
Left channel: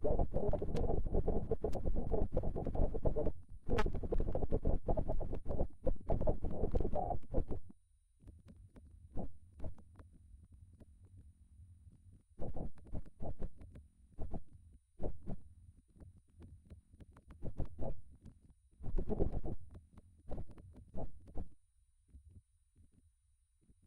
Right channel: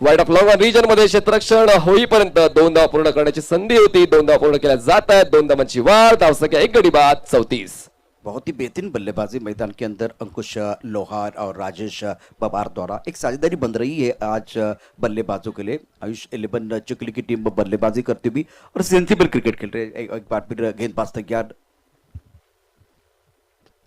वाईड ऑफ लॉंग रिजन मध्ये क्षेत्ररक्षण होईपर्यंत 2 धावा पूर्ण करण्याची संधी होती. 2 धावा पूर्ण केल्या जात आहेत. 2 धावांची वाढ. धावसंख्या 1 गडी बाद 34. बहुत ही बेहतरीन बल्लेबाजी मैदान के अंदर अंकुश लोहार और राजेश पवार द्वारा एक साझेदारी बन रही है आज बल्लेबाजों के लिए। आयुष 11 चिखली की टीम बल्लेबाजी करती हुई और सेंसिबल क्रिकेट खेल रहे हैं। एक बार फिर गेंदबाज तैयार,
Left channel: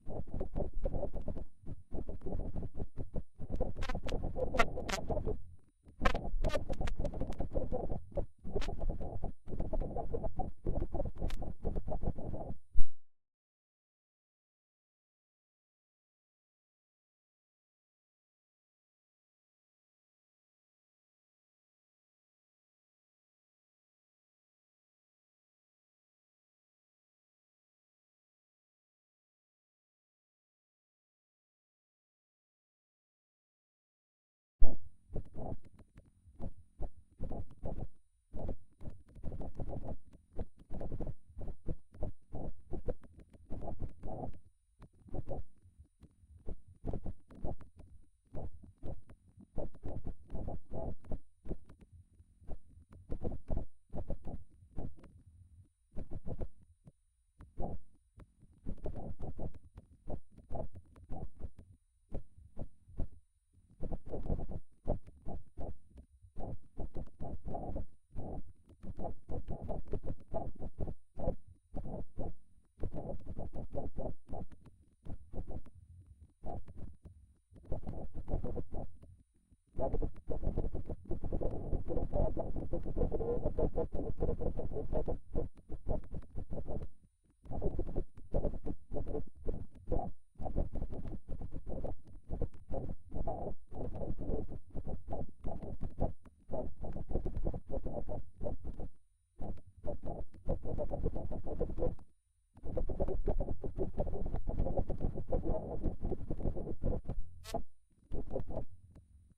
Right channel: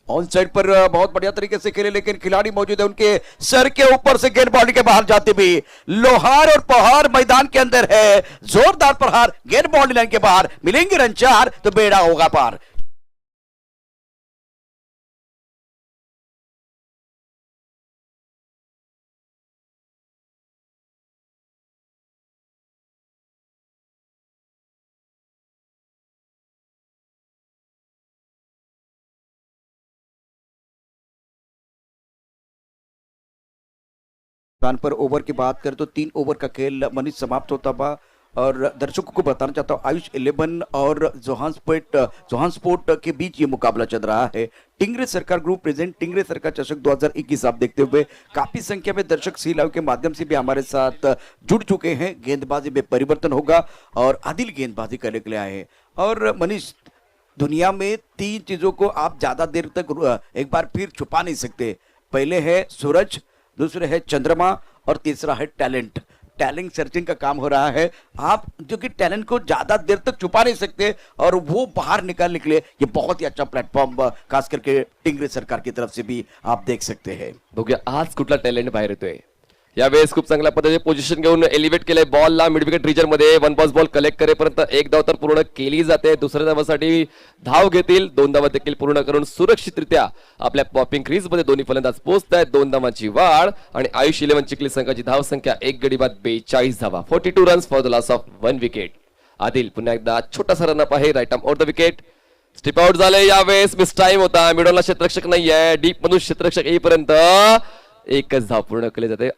ऑन साइड पर बहुत बढ़िया तरीके से खेले, लेकिन खिलाड़ी मौजूद है, उनके सर के ऊपर से गेंद बॉडी के बाहर जाती हुई। लोहार और पहाड़ मैदान के अंदर है, जोरदार प्रहार, गेंद बॉडी लाइन के बाहर, मिलेंगे रन 4 तो बेड़ा होगा पार। पर ओवर की बात करें तो 3 ओवर का खेल मनीष समाप्त होता हुआ और दर्शकों को बताना चाहता हूँ आयुष 11 और जोहान्सबर्ग के बीच ये मुकाबला चल रहा है। टिंगरे सरकार ग्रुप प्रेजेंट टिंगरे सरकार चषक 2021 आप देखते हुए काफी संख्या में दर्शक सी लाइव के माध्यम से भी हमारे साथ जुड़ चुके हैं। गेंदबाजी में परिवर्तन होगा और आदिल गेंदबाजी करने के लिए आए हैं। और मनीष, दुनिया में 3 चीजों को आप ज्यादा देर तक एक बार फिर छुपा नहीं सकते। पहले है सूरज, दूसरे है चंद्रमा और तीसरा है टैलेंट। टैलेंट सर्चिंग का काम हो रहा है। आप जो कि टैलेंट को ज्यादा देर तक छुपा नहीं सकते और वो बाहर निकालने के लिए ये बहुत ही अच्छा प्लेटफॉर्म खास करके टिंगरे सरकार की तरफ से भी आप देख सकते हैं। बघूया आज कुठला टॅलेंट बाहेर येतोय. यावेळेस खूप चांगल्या पद्धतीने पोझिशन घेऊन एलिव्हेट केलंय बॉलला मिड विकेट रिजन मध्ये वन बॉस बॉल कलेक्ट करेपर्यंत एक धाव तर पूर्ण केली जाते. दुसऱ्या धावासाठी धाव घेतील, 2 धावा देखील पूर्ण करून सुरक्षितरित्या आपल्या पॉपिंग क्रीज मध्ये दोन्ही फलंदाज पोहोचत आहेत. 2 धावांची वाढ आणि आयुष 11 चिखली संघाची धाव संख्या 1 गडी बाद 42 धावा. 42 runs for the loss of 1 wicket. Adil पुन्हा एकदा छोटासा रनअप आहे right arm over the wicket. Step out झाले. यावेळेस मिस टाइम होता, मिडॉनला क्षेत्ररक्षक नाहीये, डीप मधून क्षेत्ररक्षक येईपर्यंत एकच धाव पूर्ण केली जाते.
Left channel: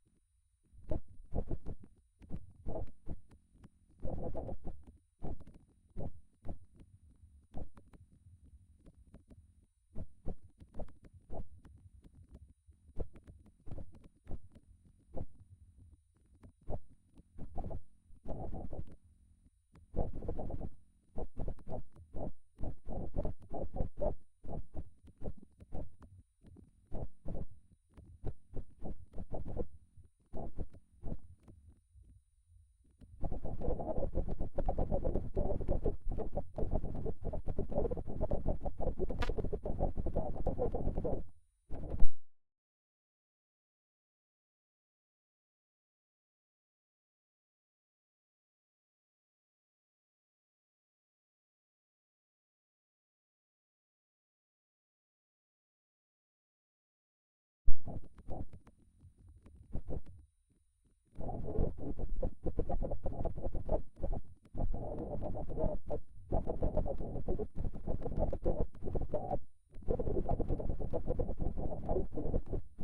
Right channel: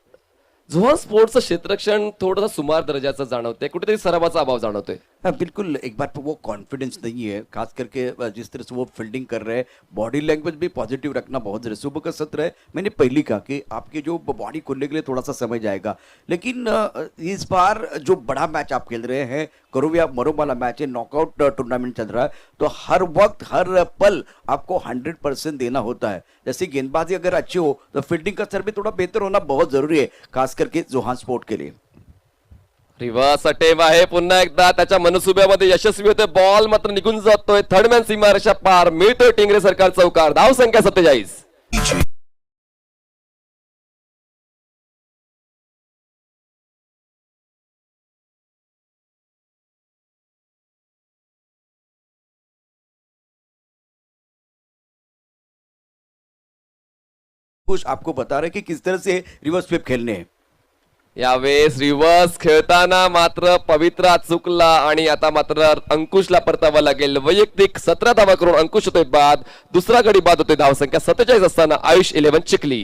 झोन स्पोर्ट्सचं क्षेत्ररक्षण थोडंसं सुमार दर्जाचं जाणवतंय, कुठेतरी सरावाचा अभाव जाणवतोय. हाँ बिल्कुल, एक बार पे वो कॉन्फिडेंस नहीं है, खास करके जिस तरह से वो फील्डिंग कर रहे हैं, बॉडी लैंग्वेज भी पॉजिटिव रखना बहुत जरूरी है. सुबह का सत्र है, मैंने पहले कहा कि आपके जो बॉडी खोलने के लिए थोड़ा सा समय जाएगा, लेकिन इस बार जो बड़ा मैच आप खेल रहे हैं, करो या मरो वाला मैच है, नॉकआउट टूर्नामेंट चल रहा है, तो हर वक्त हर पल आपको 100% देना होता है. जैसे गेंदबाजी अगर अच्छी हो तो फील्डिंग का स्तर भी थोड़ा बेहतर होना बहुत जरूरी है, खास करके जोहान स्पोर्ट के लिए. रिव्हर्स अटेव आहे पुन्हा एकदा, त्याच्या मनसुब्यामध्ये यशस्वी होते. बॉल मात्र निघून जातोय, थर्डमॅन सीमारेषा पार, मिळतोय टिंगरे सरकार चौकार. धाव संख्या 47. कुछ आपको बता रहे हैं कि किस तरह से रिवर्स स्वीप खेलने हैं. यावेळेस रिव्हर्स खेळताना मात्र पवित्रा चुकला आणि आता मात्र अंकुशला परतावा लागेल. वैयक्तिक 17 धावा करून अंकुश होतोय बाद. दुसरा गडी बाद होतोय. धाव संख्या 47 असताना आयुष 11 चिखली.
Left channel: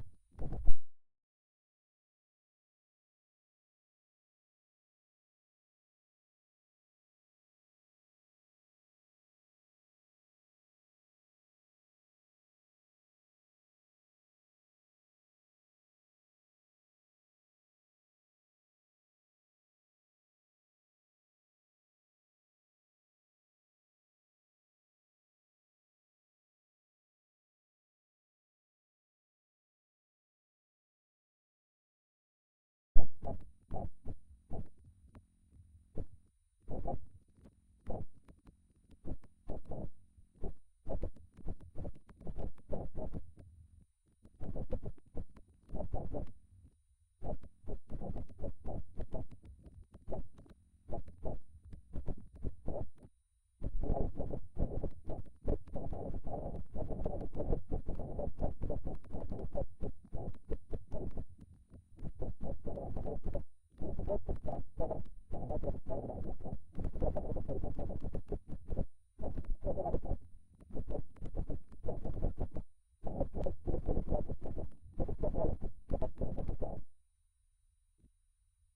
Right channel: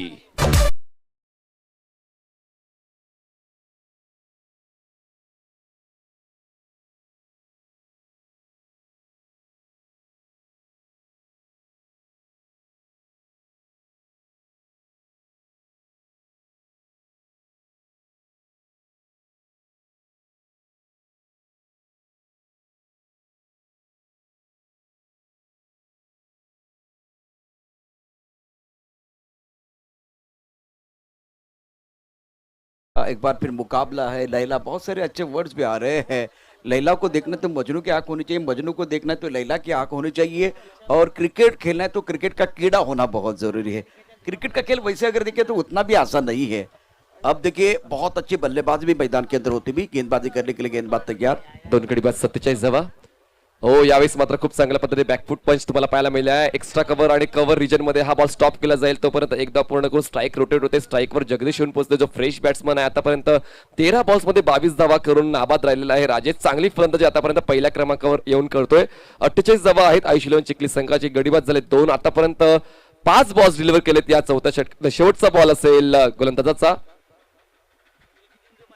एक बार फिर मुकाबला है. लैला, बहुत सारे अच्छे वर्ड्स भी आ रहे हैं. लैला को देखना तो मजनू की आंख होनी चाहिए, मजनू को देखना तो लैला की आंख होनी चाहिए, और क्रिकेट खेलना है तो क्रिकेट का कीड़ा होना बहुत जरूरी है. क्रिकेट का खेल वैसे अगर देखें तो उतना भी आसान नहीं है. अब देखिए, बहुत अच्छे बल्लेबाज भी मैदान के अंदर होती भी, गेंदबाजी करने के लिए गेंदबाज तैयार. 2 गडी बाद 47 धावा. हो, यावेळेस मात्र खूप चांगल्या पद्धतीने बॅकफुट पंच तुम्हाला पाहायला मिळाला आहे. एक्स्ट्रा कव्हर आणि कव्हर रिजन मध्ये हा बॉल स्टॉप केला जाईल. तोपर्यंत एकदा पूर्ण करून स्ट्राईक रोटेट होते. स्ट्राईकवर जगदीश येऊन पोहोचले, जो फ्रेश बॅट्समन आहे. आतापर्यंत 13 बॉल्स मध्ये 22 धावा करून नाबाद राहिलेला आहे. राजेश चांगली फलंदाजी आतापर्यंत पहिल्या क्रमांकावर येऊन करतोय. 48 धावा आहेत आयुष 11 चिखली संघाची. गडीबाद झाले 2. आतापर्यंत 5 बॉल्स डिलिव्हर केलेत. या चौथ्या षटकात शेवटचा बॉल असेल गोलंदाजाचा.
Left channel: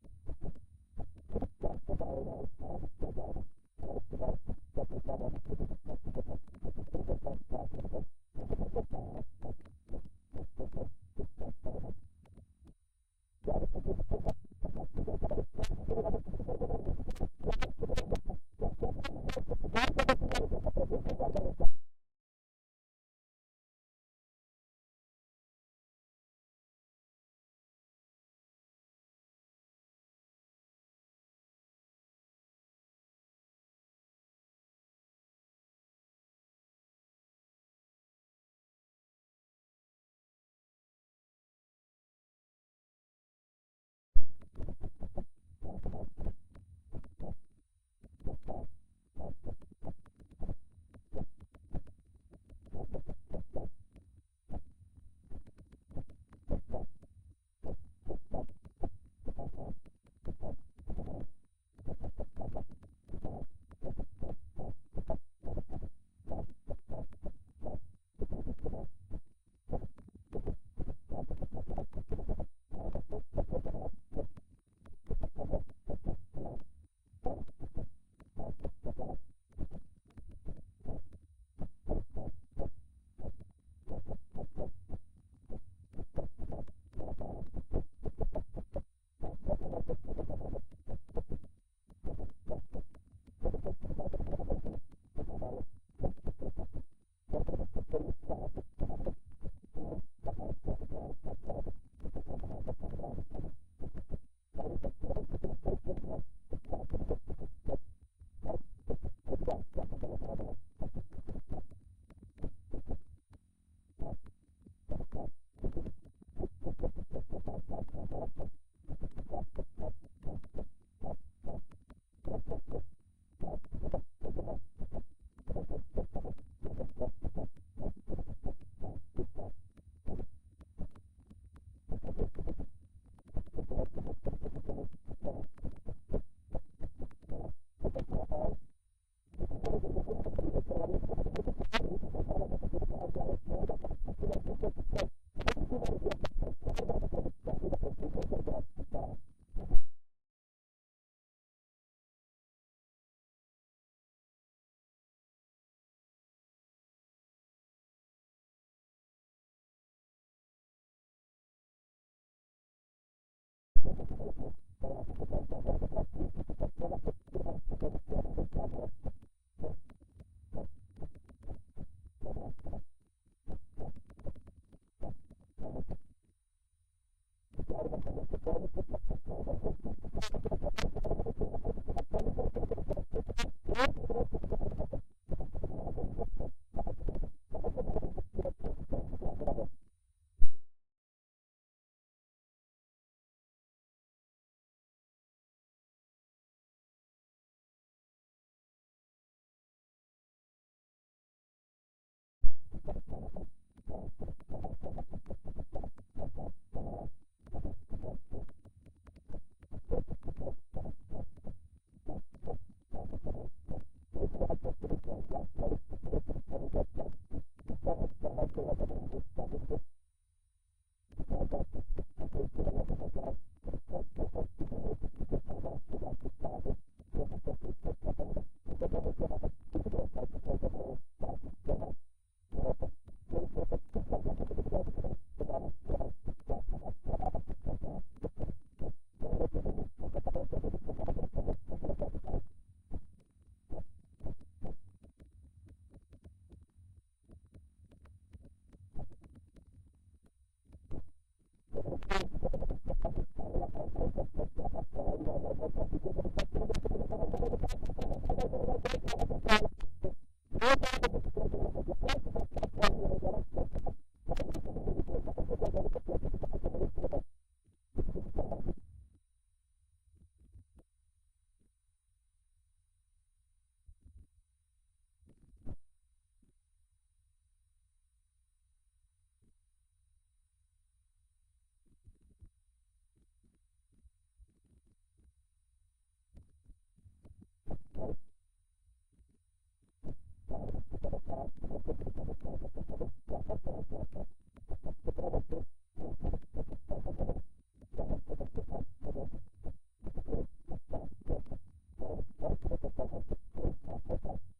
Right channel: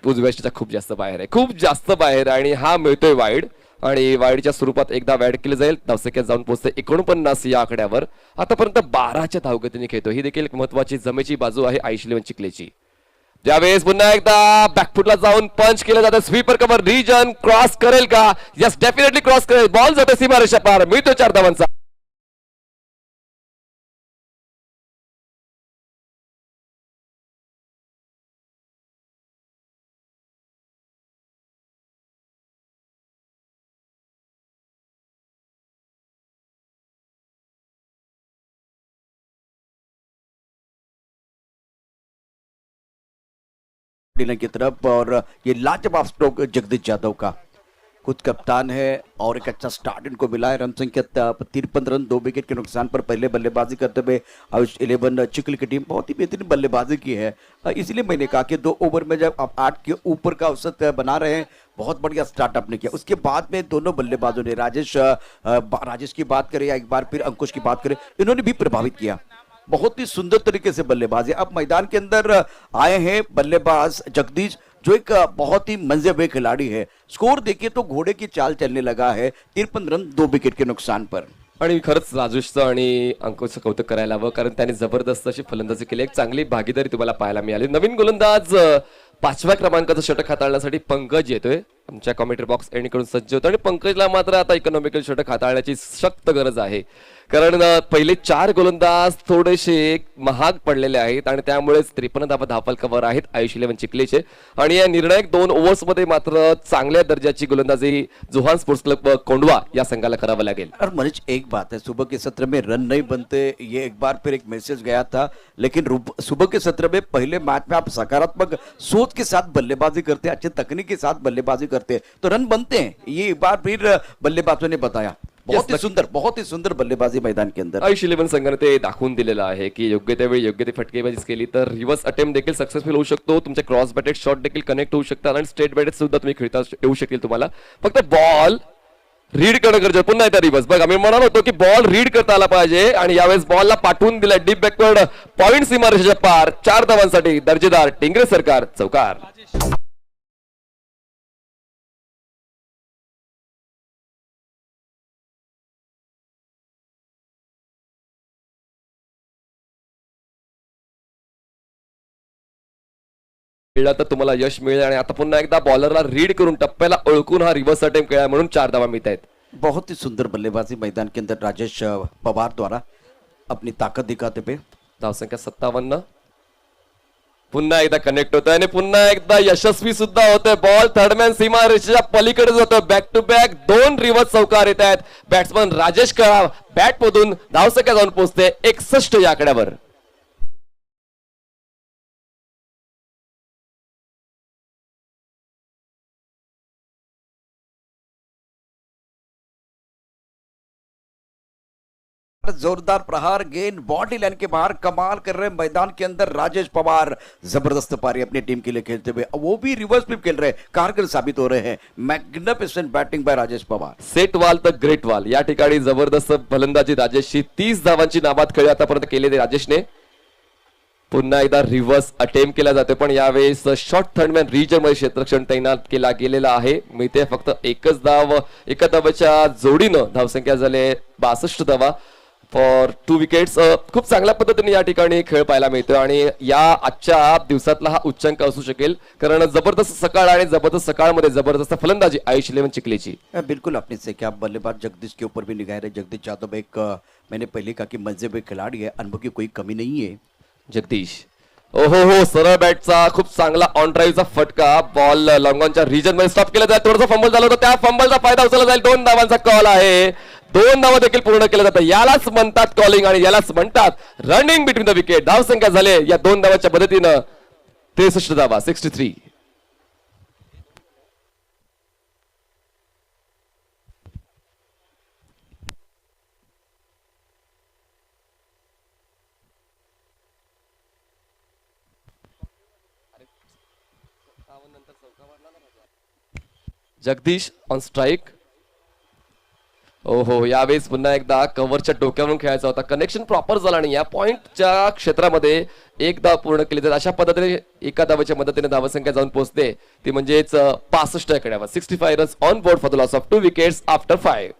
उजव्या खूप जास्त बाहेर आहे, खूप जास्त बाहेर, आणि हा मिळतोय वाईड. आणि वाईडच्या स्वरूपात एकदा वॅड केले जाईल. धावसंख्या जाऊन पोहोचते 49 या आकड्यावर. आतापर्यंत 12च्या धावगतीने खेळतो. ही देखील एक महत्वाची जमेची बाजू आहे आयुष 11 चिखलीची. ज्यावेळेस पुन्हा एकदा बॅकफुटला जाऊन पंच केलं जातं. स्वीपर कव्हर रिजन क्रॉस करेल का? यस, डेफिनेटली क्रॉस करेल. बॉल जातो सीमारेषा पार, मिळतो 4 धावांचा. डिलन की तरफ, और ये लाजवाब स्ट्रोक जगदीश यादव का. खुद कप्तान है और एक अच्छा स्टार्ट इनको मिला है. रन संख्या 53 रन, 2 विकेट के नुकसान पर पहले बल्लेबाजी करते हुए आयुष 11 चिखली की टीम बहुत ही बेहतरीन बल्लेबाजी की है. इसलिए मैंने कहा कि 2 ओवर में जब आप 8 के ऊपर का औसत बना रहे हैं, बहुत बढ़िया स्टार्ट आपने किया. उसके बाद में दोनों बल्लेबाजों ने, राजेश की बात करें या एक बार फिर अंकुश की बात करें, इन्होंने भी प्रभावित किया. बहुत ही सुंदर तरीके से बल्लेबाजी. अब मैदान के अंदर आए हैं बल्लेबाज जगदीश, जो एक बहुत ही मंजे हुए खिलाड़ी है. स्कोर देखिए तो घोड़े की चाल चलने लगा है. 53 रन, 2 विकेट के नुकसान पर. आणि खरंच राजेशचं आणि अंकुशचं कौतुक करायला हवं, कारण त्याने जबरदस्त अशी फलंदाजी केली. एक चांगली भागीदारी तुम्हाला पाहायला मिळाली. नवीन गोलंदाज 5व्या क्रमांकाचं षटक हाताळण्यासाठी पंकज येतोय. आमच्या कॉमेंट्री बॉक्स एंडकडून सज्ज होतो, आणि पंकजला मात्र आता इकॉनॉमिकल षटक हाताळण्याची सक्त गरज आहे. कारण पहिले 4 गोलंदाज थोडेसे महाग पडलेले आहेत आणि त्यामुळेच 53 धावा धावफलकावर आहेत आयुष 11 चिखलीचे. आणि या निर्णायक 2 ओव्हर्समध्ये मात्र चांगल्या दर्जाची गोलंदाजी जोहान स्पोर्ट्स क्लब कोंडवा या संघाला करावं लागेल. और मनीष, एक बात है, सुबह के सत्र में रन नहीं बनते, ये एक बार फिर एक मैसेज गया था, लेकिन सुबह के सत्र में पहले मैच में आप सकारात्मक सोच के साथ बल्लेबाजी करते, अच्छे तकनीक के साथ बल्लेबाजी करते तो रन बनते हैं. ये एक बार फिर बल्लेबाजों ने बताया. बहुत ही सुंदर बल्लेबाजी मैदान के अंदर. आयुष 11 संघाने ते दाखवून दिलेलं आहे की योग्य त्यावेळी योग्य ती फटकेबाजी केली तर रिव्हर्स अटेम्प्ट देखील सक्सेसफुल होऊ शकतो, तुमचे क्रॉस बॅटेड शॉट देखील कनेक्ट होऊ शकतात आणि स्ट्रेट बॅटेड सुद्धा तुम्ही खेळता येऊ शकेल. तुम्हाला फक्त बॉल रीड करणं गरजेचं. पुन्हा एकदा रिव्हर्स बघ, आम्ही म्हणालो होतो की बॉल रीड करता आला पाहिजे आणि यावेळेस बॉलला पाठवून दिला डीप बॅकवर्ड पॉइंट सीमारेषेच्या पार. 4 धावांसाठी दर्जेदार टिंगरे सरकार चौकार. खेळला तर तुम्हाला यश मिळेल आणि आता पुन्हा एकदा बॉलरला रीड करून टप्प्याला ओळखून हा रिव्हर्स अटेम्प्ट केला म्हणून 4 धावा मिळत आहेत. बहुत ही सुंदर बल्लेबाजी मैदान के अंदर राजेश पवार द्वारा अपनी ताकत दिखाते पे. धावसंख्या 57. पुन्हा एकदा कनेक्ट होतोय आणि पुन्हा एकदा यशस्वी सुद्धा होतोय. बॉल थर्डमॅन सीमारेषेच्या पलीकडे जातोय. बॅक टू बॅक 2 रिव्हर्स चौकार येत आहेत. बॅट्समन राजेश कळा बॅट मधून धावसंख्या जाऊन पोहोचते 61 या आकड्यावर. जोरदार प्रहार, गेंद बॉडी लाइन के बाहर, कमाल कर रहे हैं मैदान के अंदर राजेश पवार. जबरदस्त पारी अपनी टीम के लिए खेलते हुए, वो भी रिवर्स फ्लिप खेल रहे हैं, कारगर साबित हो रहे हैं. Magnificent batting bye Rajesh Pawar. Set वाल तर ग्रेट वाल या ठिकाणी जबरदस्त फलंदाजी राजेशची. 30 धावांची नाबाद खेळी आतापर्यंत केलेली राजेशने. पुन्हा एकदा रिव्हर्स अटेम्प्ट केला जातो पण यावेळेस शॉर्ट थर्डमॅन रिजन मध्ये क्षेत्ररक्षण तैनात केला गेलेला आहे. मिळते फक्त एकच धाव. एका धावाच्या जोडीनं धावसंख्या झाले 62 धावा फॉर 2 विकेट्स. खूप चांगल्या पद्धतीने या ठिकाणी खेळ पाहायला मिळतो आणि या आजच्या दिवसातला हा उच्चांक असू शकेल कारण जबरदस्त सकाळ आणि जबरदस्त सकाळमध्ये जबरदस्त फलंदाजी आयुष 11 चिखलीची. बिल्कुल आपने से क्या बल्लेबाज जगदीश के ऊपर भी निगाह रहे. जगदीश यादव एक मैंने पहले कहा कि मजे खिलाड़ी है, अनुभव की कोई कमी नहीं है. जगदीश हो सरळ बॅटचा खूप चांगला ऑन ड्राईव्हचा फटका. बॉल लॉंगॉनच्या रिजन मध्ये स्टॉप केला जाईल. थोडासा फंबल झाला होता, त्या फंबलचा फायदा उचलला जाईल. 2 धावांचा कॉल आहे. 2 धावा देखील पूर्ण केलं जातं. यालाच म्हणतात कॉलिंग आणि यालाच म्हणतात रनिंग बिटवीन द विकेट. धावसंख्या झाले या 2 धावाच्या मदतीनं 63 धावा 63. Jagdish on strike. ओहो यावेळेस पुन्हा एकदा कव्हरच्या डोक्यावरून खेळायचा होता. कनेक्शन प्रॉपर झाला नाही. या पॉइंटच्या क्षेत्रामध्ये एक धाव पूर्ण केली तर अशा पद्धतीने एका धावाच्या मदतीने धावसंख्या जाऊन पोहोचते ती म्हणजेच 65 आकड्यावर. 65 runs on board for the loss of 2 wickets after 5.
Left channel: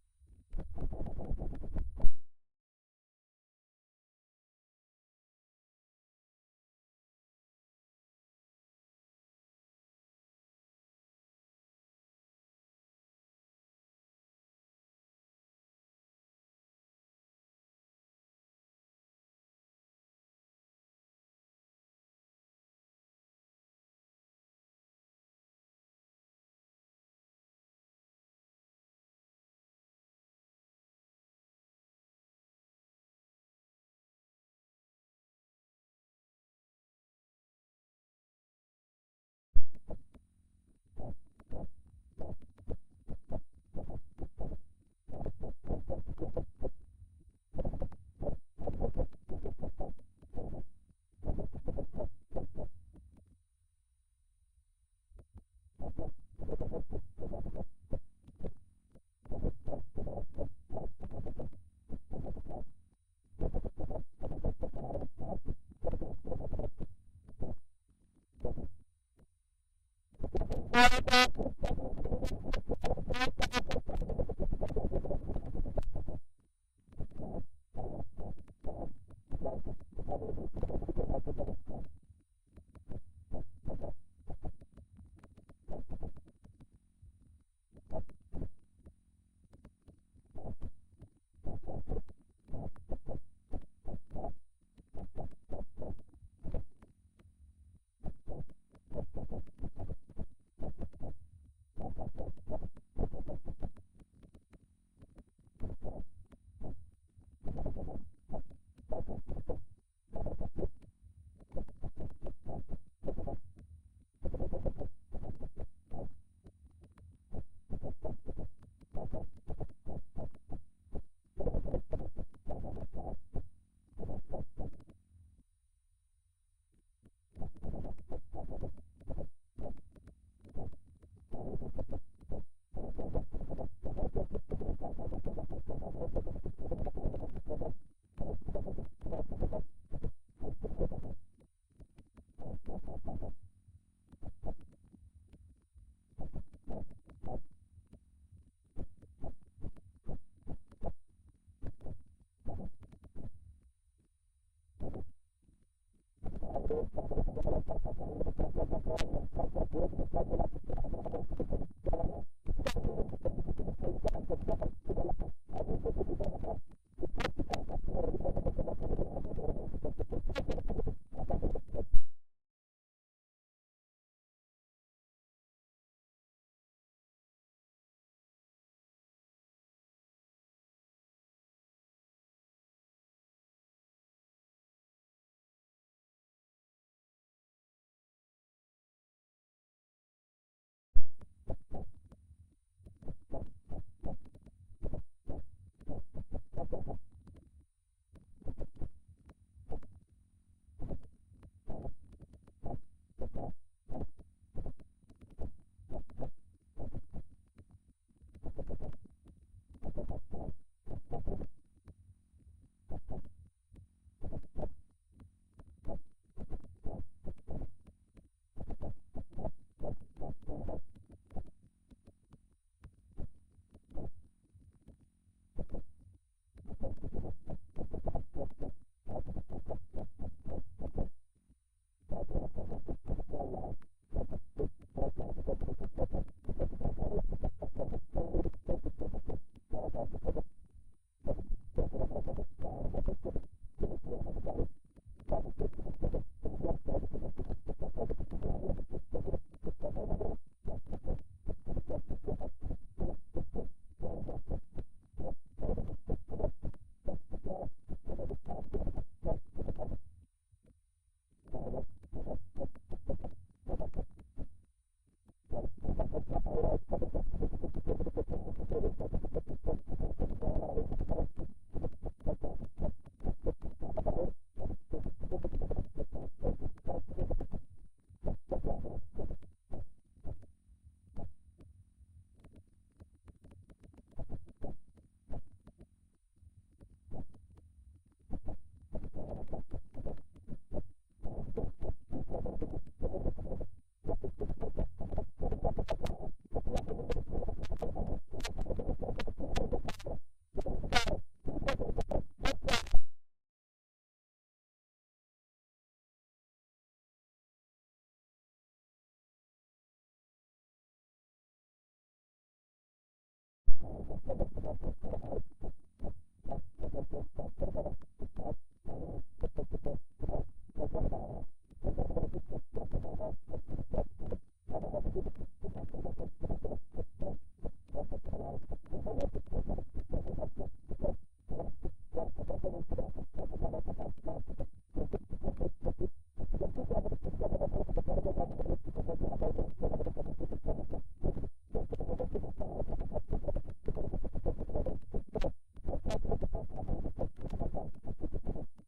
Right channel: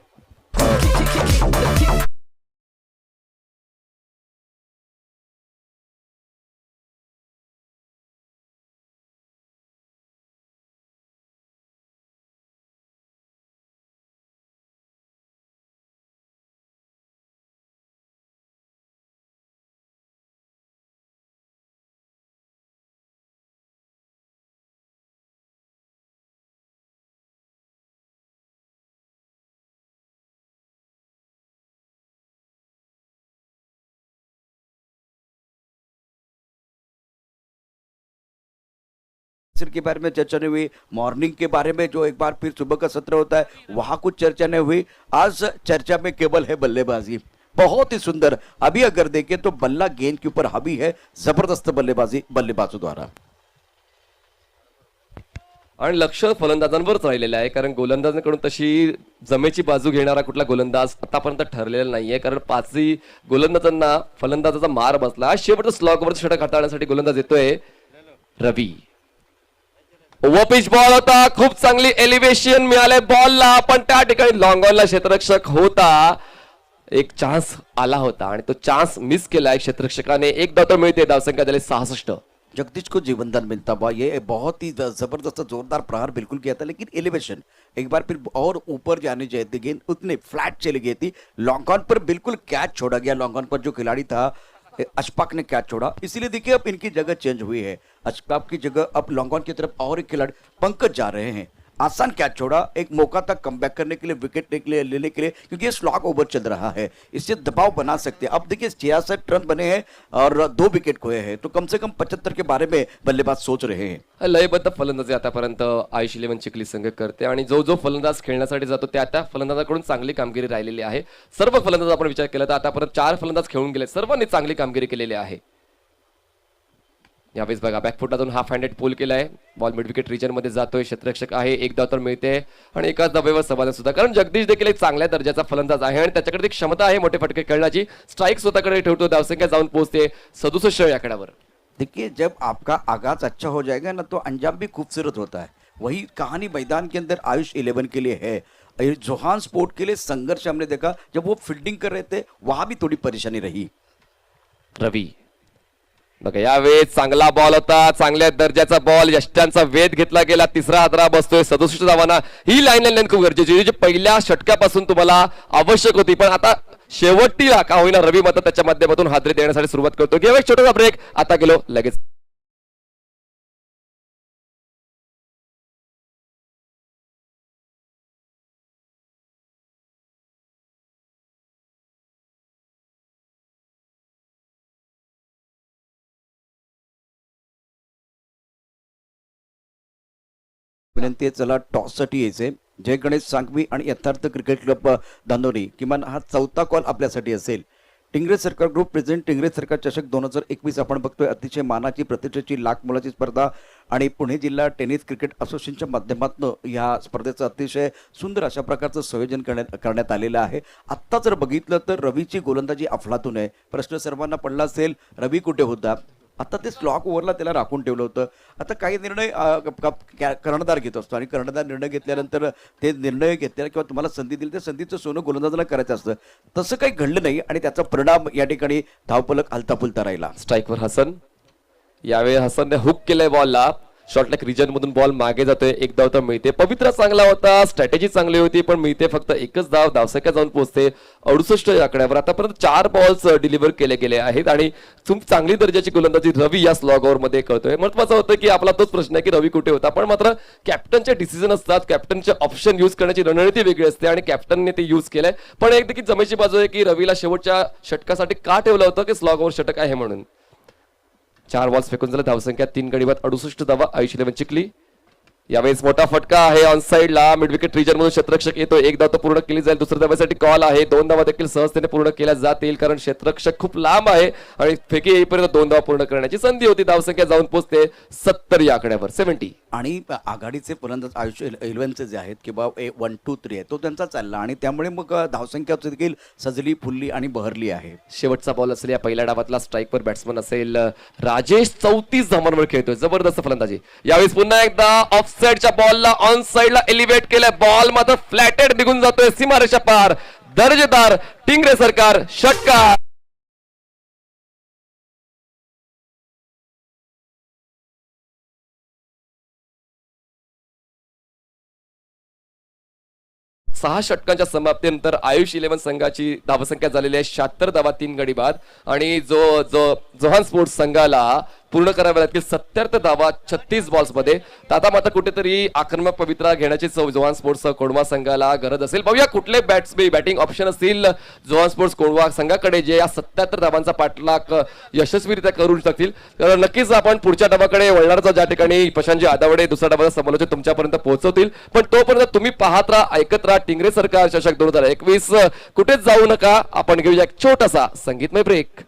के बारे में चर्चा नहीं हुई. मॉर्निंग के बारे में जो एक बार फिर सुबह का सत्र होता है वहां कुछ चर्चा नहीं हुई. आज चर्चा में केवल है बल्लेबाजी. बहुत ही सुंदर. अभी अगर देखें तो बल्ला गेंद के ऊपर हावी है. जबरदस्त बल्लेबाजी बल्लेबाजों द्वारा. आणि लक्ष फलंदाजांवरच राहिलेलं आहे कारण गोलंदाजांकडून तशी जमेची बाजू घेणारा कुठला गोलंदाज आतापर्यंत ठरलेला नाहीये कारण 5ही गोलंदाजांना फलंदाजाचा मार बसला. शेवटच्या स्लॉगवर षटक हाताळण्यासाठी गोलंदाज येतोय रवी. ओव्हर पिच बॉल होता. खूप चांगली एलिव्हेशन मिळाले बॉलला पण त्या ठिकाणी लॉंग ऑनला क्षेत्ररक्षक होता. एक चान्स आला होता आणि तो चान्स मिस केलाय क्षेत्ररक्षकाने. एक धाव मिळते. धावसंख्या झाली 66. जगदीश को जीवनदान मिलता हुआ ये बहुत ही जबरदस्त जोरदार प्रहार बिल्कुल किया था, लेकिन एलिवेशन एक बार फिर और ऊपर जानी चाहिए थी, गेंद उतनी फ्लैट चली गई थी। लॉन्ग ऑन पर बिल्कुल कैच छोड़ा गया, लॉन्ग ऑन पर जो खिलाड़ी था अशफाक ने कैच छोड़ा, इसीलिए देखिए अब इनकी जगह चेंज हुई है। अशफाक की जगह अब लॉन्ग ऑन की तरफ और एक खिलाड़ी पंकज जा रहे हैं। आसान कैच छोड़ा, एक मौका था कमबैक करने के लिए, विकेट लेने के लिए, क्योंकि ये स्लॉग ओवर चल रहा है, इससे दबाव बना सकते हैं। अब देखिए 66 रन बने हैं और 2 विकेट खोए हैं, तो कम से कम 75 के बारे में बल्लेबाज सोच रहे हैं। लयबद्ध फलंदाजी आतापर्यंत आयुष इलेव्हन चिखली संघ करते आणि जो जो फलंदाज खेळण्यासाठी जातो त्या फलंदाजाकडून चांगली कामगिरी राहिलेली आहे. सर्व फलंदाज आपण विचार केला तर आतापर्यंत 4 फलंदाज खेळून गेले, सर्वांनी चांगली कामगिरी केलेली आहे. यावेळेस बघा बॅकफुटातून हाफ हँडेड पूल केलाय, बॉल मिड विकेट रिजन मध्ये जातोय, क्षेत्ररक्षक आहे, एक धाव तर मिळते आणि एकाच धावेवर समाधान सुद्धा, कारण जगदीश देखील एक चांगल्या दर्जाचा फलंदाज आहे आणि त्याच्याकडे ती क्षमता आहे मोठे फटके खेळण्याची. स्ट्राईक स्वतःकडे ठेवतो, धावसंख्या जाऊन पोहोचते 67 या आकड्यावर. देखिए जब आपका आगाज अच्छा हो जाएगा ना तो अंजाम भी खूबसूरत होता है। वही कहानी मैदान के अंदर आयुष 11 के लिए है। जोहान स्पोर्ट के लिए संघर्ष हमने देखा, जब वो फील्डिंग कर रहे थे वहां भी थोड़ी परेशानी रही। रवी बघा यावेळेस चांगला बॉल होता, चांगल्या दर्जाचा बॉल, यष्ट्यांचा वेध घेतला गेला, तिसरा हादरा बसतोय 67 धावांना. ही लाईन खूप गरजेची होती, जी पहिल्या षटकापासून तुम्हाला आवश्यक होती, पण आता शेवटीला का होईना रवी मात्र त्याच्या माध्यमातून हादरे देण्यासाठी सुरुवात करतो. घेऊ एक छोटासा ब्रेक, आता गेलो लगेच. विनंती आहे चला टॉससाठी यायचे. जय गणेश सांघवी आणि यथार्थ क्रिकेट क्लब दांदोरी, किमान हा 4था कॉल आपल्यासाठी असेल. टिंगरे सरकार ग्रुप प्रेझेंट टिंगरे सरकार चषक 2021 आपण बघतोय. अतिशय मानाची प्रतिष्ठेची लाख मोलाची स्पर्धा आणि पुणे जिल्हा टेनिस क्रिकेट असोसिएशनच्या माध्यमातून या स्पर्धेचं अतिशय सुंदर अशा प्रकारचं संयोजन करण्यात आलेलं आहे. आत्ता जर बघितलं तर रवीची गोलंदाजी अफलातून आहे. प्रश्न सर्वांना पडला असेल, रवी कुठे होता? आता ते स्लॉक ओव्हरला त्याला राखून ठेवलं होतं. आता काही निर्णय कर्णधार घेत असतो आणि कर्णधार निर्णय घेतल्यानंतर ते निर्णय घेतल्या किंवा तुम्हाला संधी दिली त्या संधीचं सोनं गोलंदाजाला करायचं असतं. तसं काही घडलं नाही आणि त्याचा परिणाम या ठिकाणी धावफलक हलताफुलता राहिला. स्ट्राईकवर हसन, यावेळी हसनने हुक केलंय बॉलला, शॉर्टलेग रिजन मधून बॉल मागे जातोय, एक धाव तर मिळते. पवित्रा चांगला होता, स्ट्रॅटेजी चांगली होती, पण मिळते फक्त एकच धाव, धावसंख्या जाऊन पोहोचते 68 या आकड्यावर. आतापर्यंत 4 बॉल्स डिलिव्हर केले गेले आहेत आणि खूप चांगली दर्जाची गोलंदाजी रवी या स्लॉग ओव्हर मध्ये करतोय. महत्वाचं होतं की आपला तोच प्रश्न आहे की रवी कुठे होता, पण मात्र कॅप्टनचे डिसिजन असतात, कॅप्टनचे ऑप्शन युज करण्याची रणनीती वेगळी असते आणि कॅप्टनने ते युज केलंय. पण एक देखील जमेची बाजू आहे की रवीला शेवटच्या षटकासाठी का ठेवलं होतं की स्लॉग ओव्हर षटक आहे म्हणून. 4 बॉल्स फेकून झालं, धावसंख्या 3 गडी बाद, 68 धावा आयुष इलेव्हन चिखली. यावेळेस मोठा फटका आहे ऑन साइडला, मिड विकेट रिजन मधून क्षेत्ररक्षक येतो, एक धाव तर पूर्ण केली जाईल, दुसऱ्या धावेसाठी कॉल आहे, 2 धावा देखील सहजतेने पूर्ण केल्या जातील कारण क्षेत्ररक्षक खूप लांब आहे आणि फेकी येईपर्यंत 2 धावा पूर्ण करण्याची संधी होती. धावसंख्या जाऊन पोहोचते 70 या आकड्यावर, 70. आणि आघाडीचे फलंदाज आयुष 11चे जे आहेत किंवा 1, 2, 3 आहे तो त्यांचा चालला आणि त्यामुळे मग धावसंख्या देखील सजली फुलली आणि बहरली आहे. शेवटचा बॉल असेल या पहिल्या डावातला, स्ट्राईकवर बॅट्समन असेल राजेश, 34 धावांवर खेळतोय, जबरदस्त फलंदाजी. यावेळेस पुन्हा एकदा ऑफ साइडच्या बॉलला ऑन साइडला एलिव्हेट केलंय, बॉल मात्र फ्लॅटेड निघून जातोय सीमारेषा पार. दर्जेदार टिंगरे सरकार षटकार. 6 षटकांच्या समाप्तीनंतर आयुष इलेव्हन संघाची धावसंख्या झालेली आहे 76 धावा, 3 गडी बाद आणि जो जो जोहान स्पोर्ट्स संघाला पूर्ण कराव्या लागतील 70 धावा 36 बॉल्स मध्ये. आता मात्र कुठेतरी आक्रमक पवित्रा घेण्याची जोहान स्पोर्ट्स कोंढवा संघाला गरज असेल. बघूया कुठले बॅटिंग ऑप्शन असतील जोहान स्पोर्ट्स कोंढवा संघाकडे जे या 77 धावांचा पाठलाग यशस्वीरित्या करू शकतील. तर नक्कीच आपण पुढच्या डावाकडे वळणारच, ज्या ठिकाणी प्रशांतजी आदावडे दुसऱ्या डावाचा समालोचन तुमच्यापर्यंत पोहोचवतील. पण तोपर्यंत तुम्ही पाहत राहा, ऐकत राहा टिंगरे सरकार चषक 2021. कुठेच जाऊ नका, आपण घेऊया एक छोटासा संगीतमय ब्रेक.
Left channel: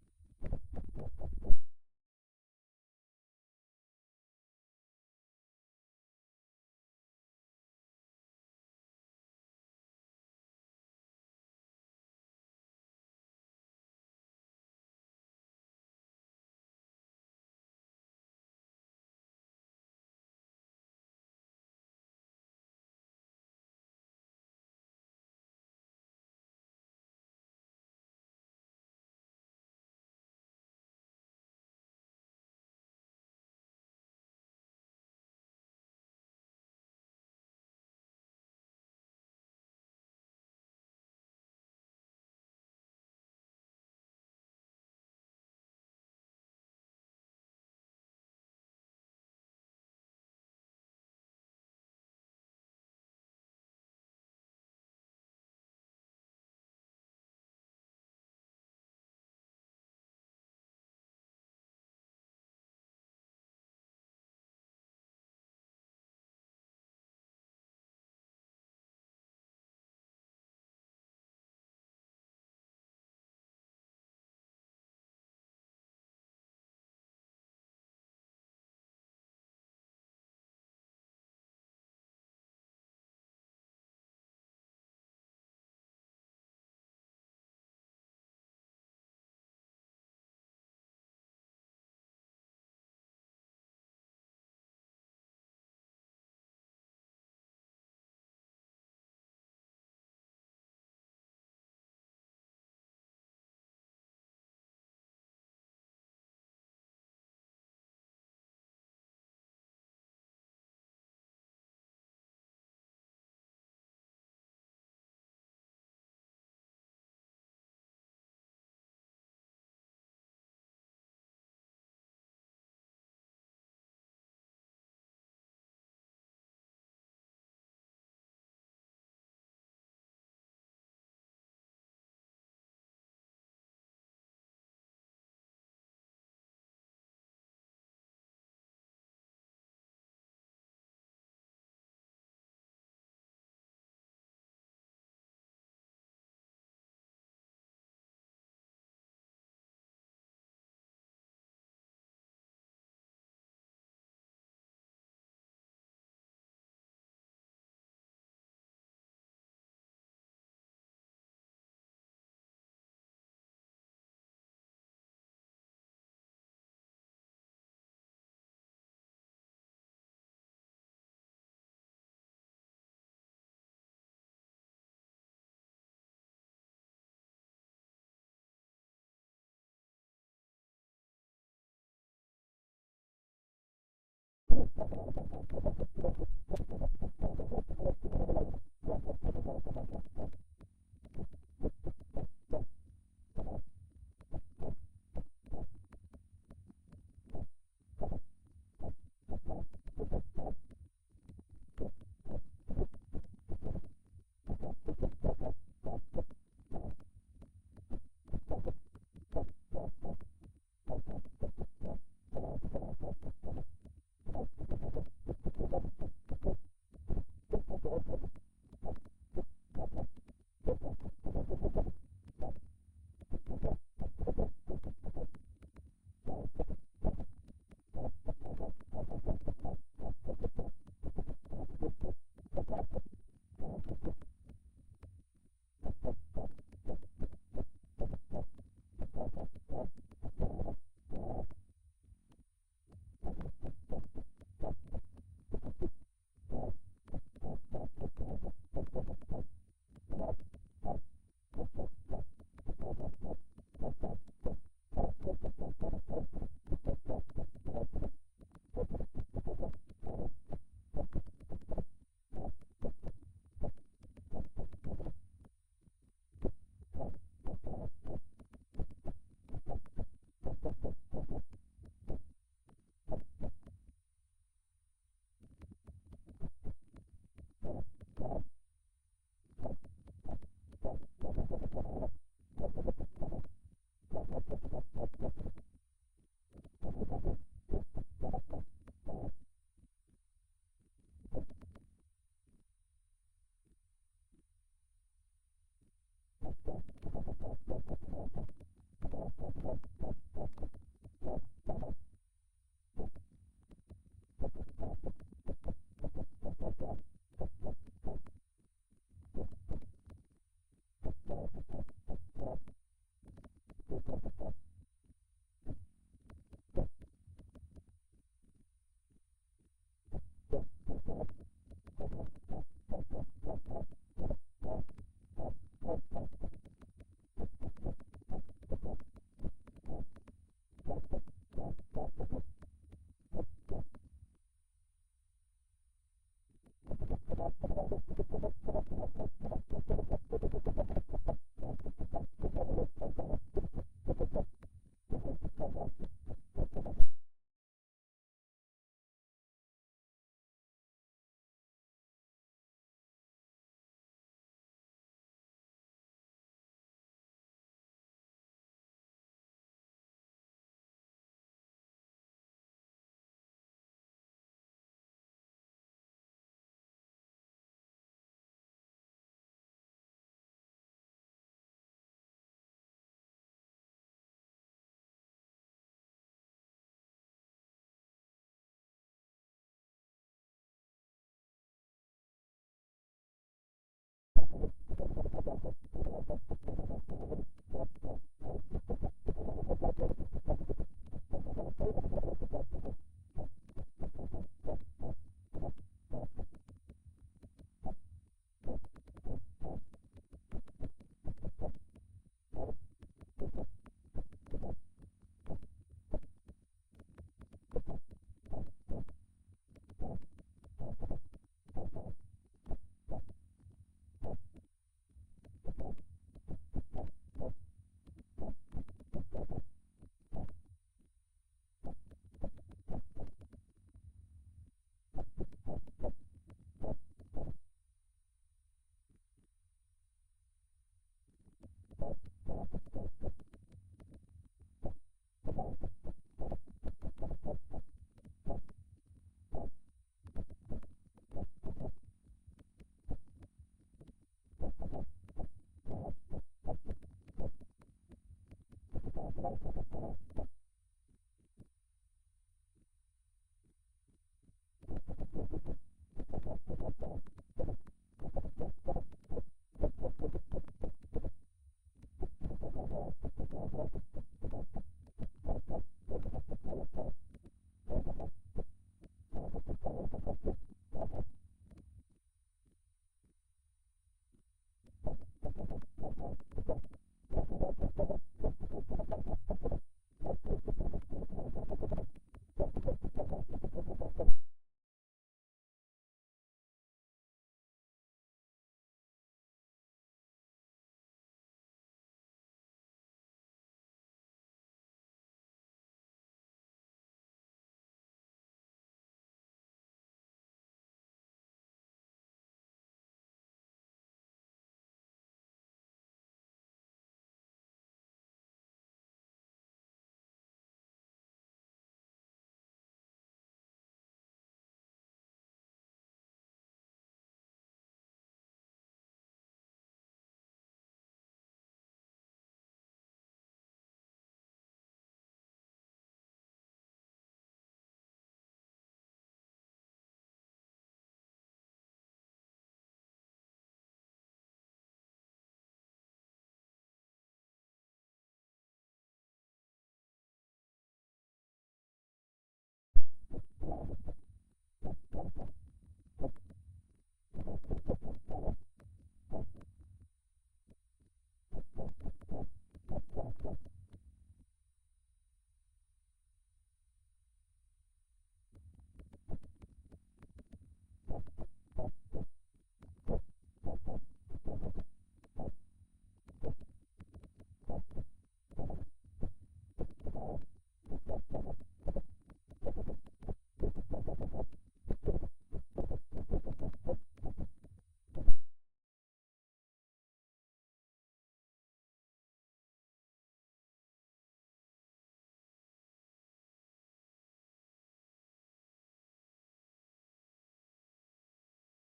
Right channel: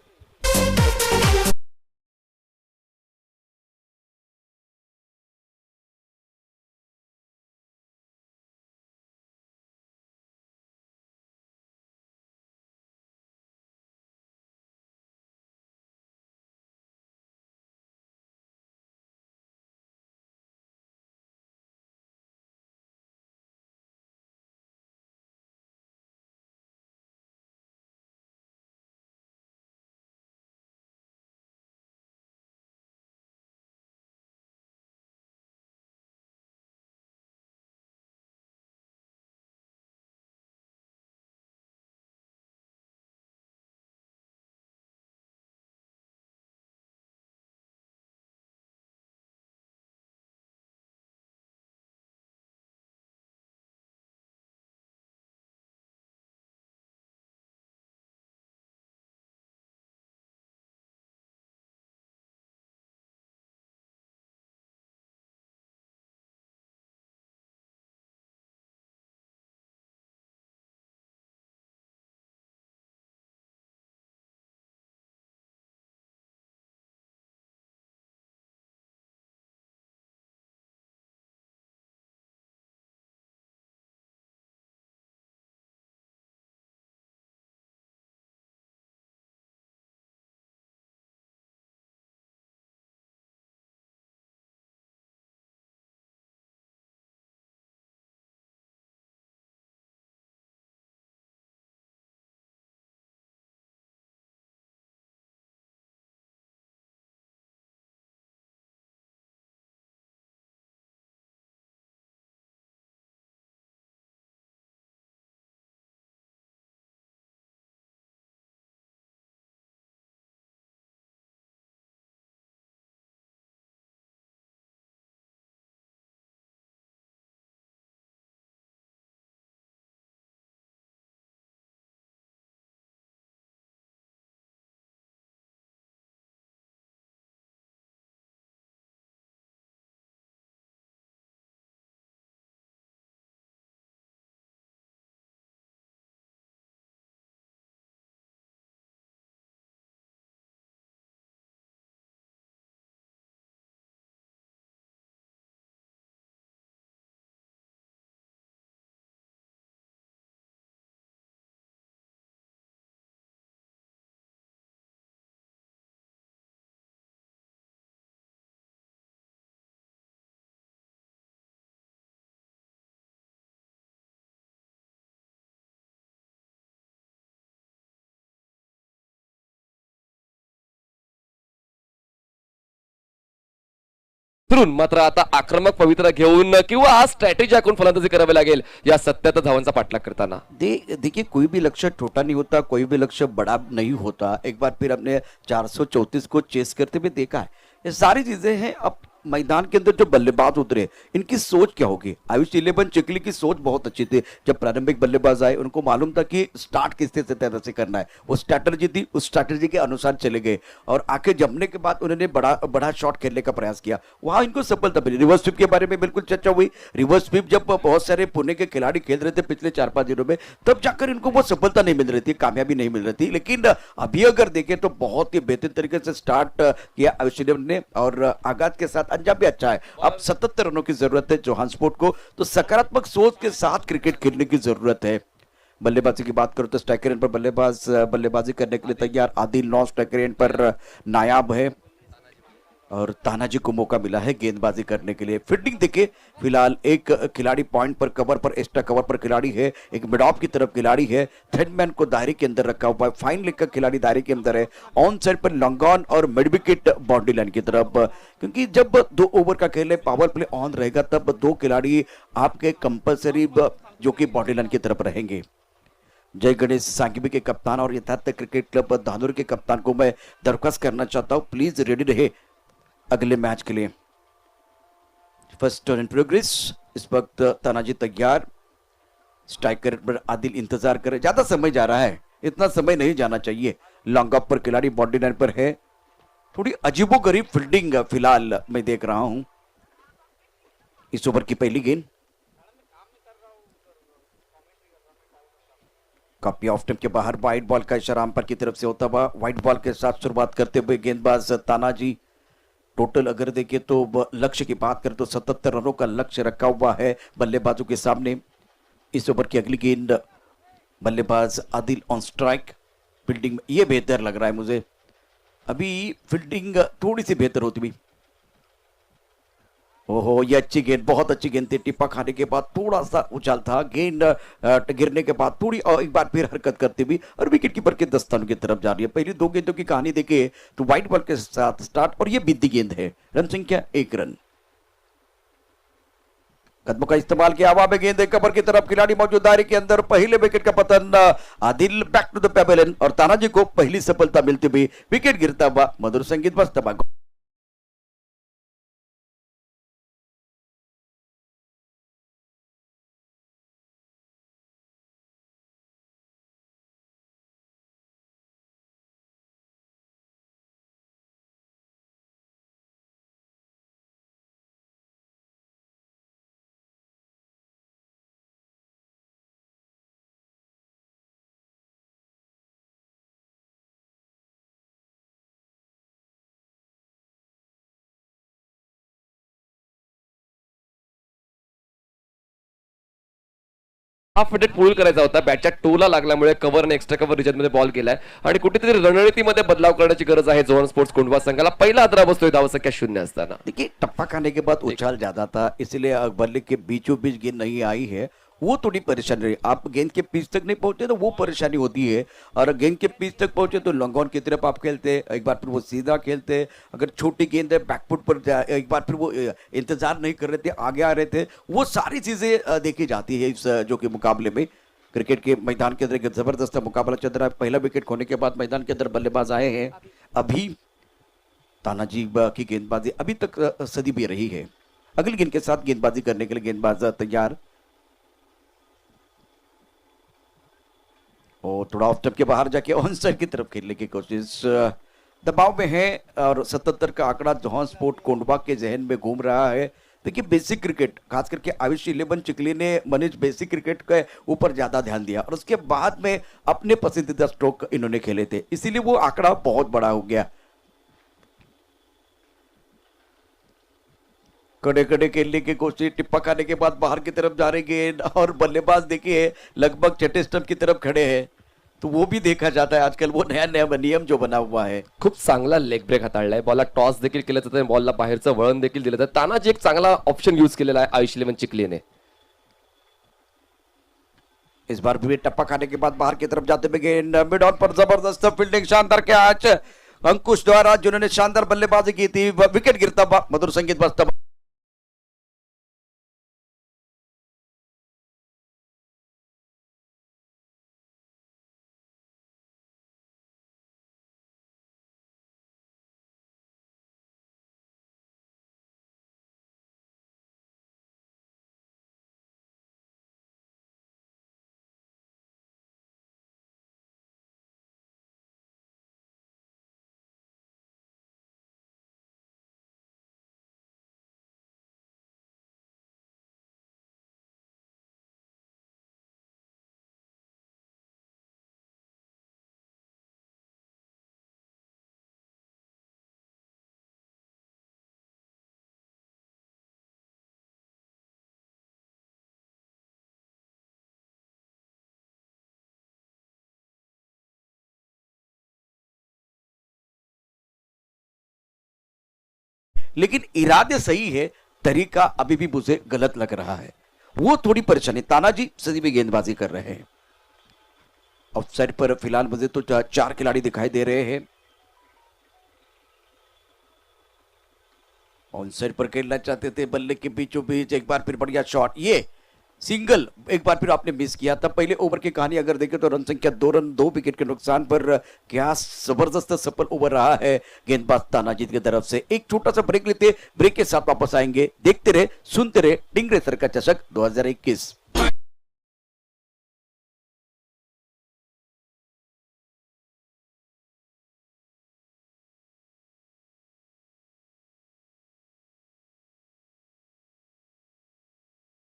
उतरून मात्र आता आक्रमक पवित्रा घेऊन किंवा आज स्ट्रॅटेजी आखून फलंदाजी करावी लागेल या 77 धावांचा पाठलाग करताना. देखिए कोई भी लक्ष्य छोटा नहीं होता, कोई भी लक्ष्य बड़ा नहीं होता। एक बार फिर हमने 434 को चेस करते हुए देखा है। ये सारी चीजें हैं। अब मैदान के अंदर जो बल्लेबाज उतरे इनकी सोच क्या होगी। आयुष 11 चिखली की सोच बहुत अच्छी थी। जब प्रारंभिक बल्लेबाज आए उनको मालूम था कि स्टार्ट किस तरह से करना है, वो स्ट्रैटेजी थी, उस स्ट्रैटेजी के अनुसार चले गए और आके जमने के बाद उन्होंने बड़ा बड़ा शॉट खेलने का प्रयास किया, वहां इनको सफलता मिली। रिवर्स स्वीप के बारे में बिल्कुल चर्चा हुई। रिवर्स स्वीप जब बहुत सारे पुणे के खिलाड़ी खेल रहे थे पिछले 4-5 दिनों में, तब जाकर इनको वो सफलता नहीं मिल रही थी, कामयाबी नहीं मिल रही थी। लेकिन अभी अगर देखें तो बहुत ही बेहतरीन तरीके से स्टार्ट किया आयुष 11 ने और आगाज के साथ अंजाम भी अच्छा है। अब 77 रनों की जरूरत है जोहान्सबर्ग को, तो सकारात्मक सोच के साथ क्रिकेट खेलने की जरूरत है। बल्लेबाजी की बात करो तो स्ट्राइकर एंड पर बल्लेबाजी करने के लिए तैयार आदिल नौ, स्ट्राइकर एंड पर नायाब है और तानाजी को मौका मिला है गेंदबाजी करने के लिए। फील्डिंग देखिए, फिलहाल एक खिलाड़ी पॉइंट पर कवर पर एक्स्ट्रा कवर पर खिलाड़ी है, एक मिड ऑफ की तरफ खिलाड़ी है, थर्ड मैन को दायरे के अंदर रखा हुआ है, फाइन लेग का खिलाड़ी दायरे के अंदर है, ऑन साइड पर लॉन्गॉन और मिड विकेट बाउंड्री लाइन की तरफ। क्योंकि जब 2 ओवर का खेल है, पावर प्ले ऑन रहेगा, तब 2 खिलाड़ी आपके कंपल्सरी जो कि बाउंड्री लाइन की तरफ रहेंगे। जय गणेश सांघवी के कप्तान और यथार्थ क्रिकेट क्लब धानुर के कप्तान को मैं दरख्वास्त करना चाहता हूं, प्लीज रेडी रहे अगले मैच के लिए। First turn in progress. इस वक्त तानाजी तैयार, स्ट्राइकर पर आदिल इंतजार करे। ज्यादा समय जा रहा है, इतना समय नहीं जाना चाहिए। लॉन्ग ऑफ पर खिलाड़ी बॉडी लाइन पर है। थोड़ी अजीबोगरीब फील्डिंग फिलहाल मैं देख रहा हूं इस ओवर की पहली गेंद। कॉपी ऑफ टेप के बाहर वाइट बॉल का इशारा अंपायर की तरफ से होता हुआ। वाइट बॉल के साथ शुरुआत करते हुए गेंदबाज तानाजी। टोटल अगर देखें तो लक्ष्य की बात करें तो 77 रनों का लक्ष्य रखा हुआ है बल्लेबाजों के सामने। इस ओवर की अगली गेंद बल्लेबाज आदिल ऑन स्ट्राइक। फील्डिंग ये बेहतर लग रहा है मुझे, अभी फील्डिंग थोड़ी सी बेहतर होती भी। ओहो, ये अच्छी गेंद, बहुत अच्छी गेंद थी। टिप्पा खाने के बाद थोड़ा सा उछाल था, गेंद गिरने के बाद थोड़ी एक बार फिर हरकत करती हुई और विकेट कीपर के दस्तानों की तरफ जा रही है। पहली 2 गेंदों की कहानी देखे तो व्हाइट बॉल के साथ स्टार्ट और ये बीती गेंद है। रन संख्या 1 रन। कदमों का इस्तेमाल किया, हवा में गेंद कवर की तरफ, खिलाड़ी मौजूद दायरे के अंदर। पहले विकेट का पतन, Adil back to the pavilion और तानाजी को पहली सफलता मिलती हुई। विकेट गिरता हुआ, मधुर संगीत बजता हुआ। हाफ विकेट पूल करायचा होता, बॅटच्या टोला लागल्यामुळे कव्हरने एक्स्ट्रा कव्हर रिजनमध्ये बॉल केलाय आणि कुठेतरी रणनीतीमध्ये बदलाव करण्याची गरज आहे जोहान स्पोर्ट्स कोंढवा संघाला। पहिला आदरा बसतोय धावसंख्या 0 असताना। देखिए टप्पा खाने के बाद उछाल ज्यादा था, इसलिए बल्ले के बीचों बीच गेंद नहीं आई है, वो थोड़ी परेशानी रही। आप गेंद के पिच तक नहीं पहुंचे तो वो परेशानी होती है, और गेंद के पिच तक पहुंचे तो लॉन्ग ऑन की तरफ आप खेलते, एक बार फिर वो सीधा खेलते। अगर छोटी गेंद है बैकफुट पर एक बार फिर वो इंतजार नहीं कर रहे थे, आगे आ रहे थे। वो सारी चीजें देखी जाती है इस जो कि मुकाबले में। क्रिकेट के मैदान के अंदर एक जबरदस्त मुकाबला चल रहा है। पहला विकेट खोने के बाद मैदान के अंदर बल्लेबाज आए हैं। अभी तानाजी की गेंदबाजी अभी तक सदी भी रही है। अगली गेंद के साथ गेंदबाजी करने के लिए गेंदबाज तैयार और थोड़ा ऑफ टप के बाहर जाके ऑन साइड की तरफ खेलने की कोशिश। दबाव में है और 77 का आंकड़ा जोहान स्पोर्ट कोंढवा के जहन में घूम रहा है। देखिए बेसिक क्रिकेट, खास करके आयुष 11 चिखली ने मनीष बेसिक क्रिकेट के ऊपर ज्यादा ध्यान दिया और उसके बाद में अपने पसंदीदा स्ट्रोक इन्होंने खेले थे, इसीलिए वो आंकड़ा बहुत बड़ा हो गया। कड़े कड़े खेलने की कोशिश, टिप्पा खाने के बाद बाहर की तरफ जा रहे गेंद और बल्लेबाज देखिए लगभग छठे स्टंप की तरफ खड़े हैं, तो वो भी देखा जाता है आजकल, वो नया नया नियम जो बना हुआ है। खूप चांगला लेग ब्रेक हाताळलाय, बॉलला टॉस देखील केलं जातं, बॉलला बाहेरचं वळण देखील दिलं जातं। तानाजी एक चांगला ऑप्शन यूज केलेला आहे आयुष 11 चिखलीने। इस बार भी टप्पा खाने के बाद बाहर की तरफ जाते हुए गेंद मिड ऑन पर जबरदस्त फील्डिंग, शानदार कैच अंकुश द्वारा जिन्होंने शानदार बल्लेबाजी की थी। विकेट गिरता हुआ, मधुर संगीत बजता हुआ। लेकिन इरादे सही है, तरीका अभी भी मुझे गलत लग रहा है। वो थोड़ी परेशानी। तानाजी सदी में गेंदबाजी कर रहे हैं। ऑफसाइड पर फिलहाल मुझे तो चार खिलाड़ी दिखाई दे रहे हैं। ऑन साइड पर खेलना चाहते थे, बल्ले के बीचों बीच एक बार फिर बढ़िया शॉट, ये सिंगल एक बार फिर आपने मिस किया था। पहले ओवर की कहानी अगर देखें तो रन संख्या 2 रन 2 विकेट के नुकसान पर क्या जबरदस्त सफल ओवर रहा है गेंदबाज तानाजी की तरफ से। एक छोटा सा ब्रेक लेते, ब्रेक के साथ वापस आएंगे। देखते रहे, सुनते रहे, टिंग रेसर का चषक 2021।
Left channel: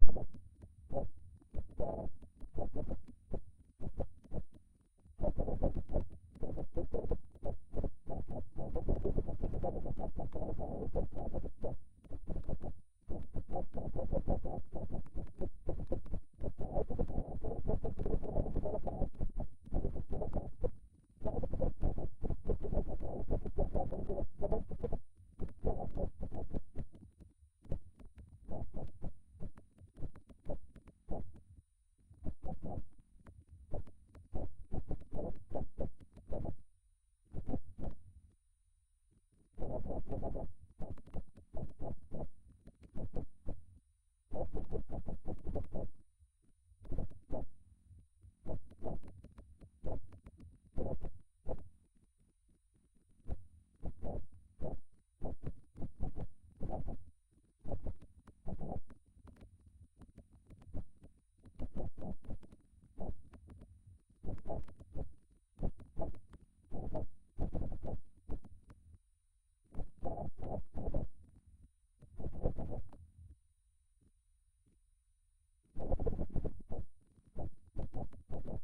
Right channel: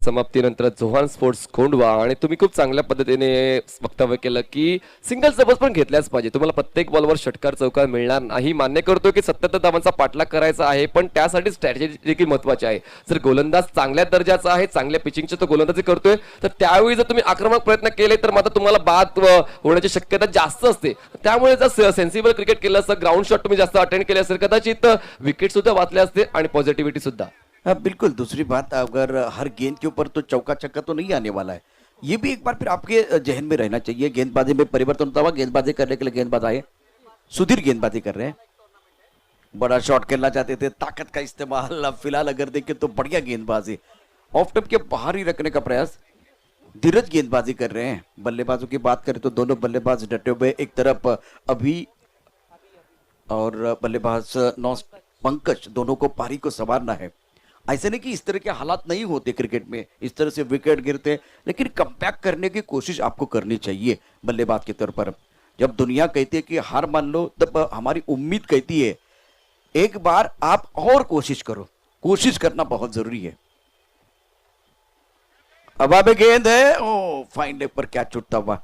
समाप्तीनंतर जोहान स्पोर्ट्स कोंडवा आणि तुम्ही खूप चांगल्या पद्धतीने वक्तव्य केलं की सिंगल सबस पण घेतल्याच पाहिजे. तुम्हाला प्रत्येक बॉलवर षटकार चौकार मिळणार नाही, मान्य करतो की 77 धावांचा पाठलाग करायचा आहे, पण त्यासाठी स्ट्रॅटेजी देखील महत्वाची आहे. जर गोलंदाज चांगल्या दर्जाचा आहे, चांगल्या पिचिंगचे तो गोलंदाजी करतोय, तर त्यावेळी जर तुम्ही आक्रमक प्रयत्न केले तर मात्र तुम्हाला बाद होण्याची शक्यता जास्त असते. त्यामुळे जर सेन्सिबल क्रिकेट केलं असतं, ग्राउंड शॉट तुम्ही जास्त अटेंड केले असेल, कदाचित विकेट सुद्धा वाचले असते आणि पॉझिटिव्हिटी सुद्धा. हाँ बिल्कुल। दूसरी बात, अगर हर गेंद के ऊपर तो चौका छक्का तो नहीं आने वाला है, ये भी एक बार फिर आपके जहन में रहना चाहिए। गेंदबाजी में परिवर्तन होता हुआ, गेंदबाजी करने के लिए गेंदबाज आए, सुधीर गेंदबाजी कर रहे हैं। बड़ा शॉट खेलना चाहते थे, ताकत का इस्तेमाल। अब फिलहाल अगर देखें तो बढ़िया गेंदबाजी, ऑफ टप के बाहर ही रखने का प्रयास। धीरज गेंदबाजी कर रहे हैं। बल्लेबाजों की बात करें तो दोनों बल्लेबाज डटे हुए, एक तरफ अभी और बल्लेबाज नौ पंकज, दोनों को पारी को संवारना है। ऐसे नहीं कि इस तरह के हालात नहीं होते क्रिकेट में, इस तरह से विकेट गिरते हैं, लेकिन कमबैक करने की कोशिश आपको करनी चाहिए बल्लेबाज के तौर पर। जब दुनिया कहती है कि हार मान लो, तब हमारी उम्मीद कहती है एक बार आप और कोशिश करो। कोशिश करना बहुत जरूरी है। अब आगे गेंद है, ओ फाइन लेग पर कैच छूटता हुआ।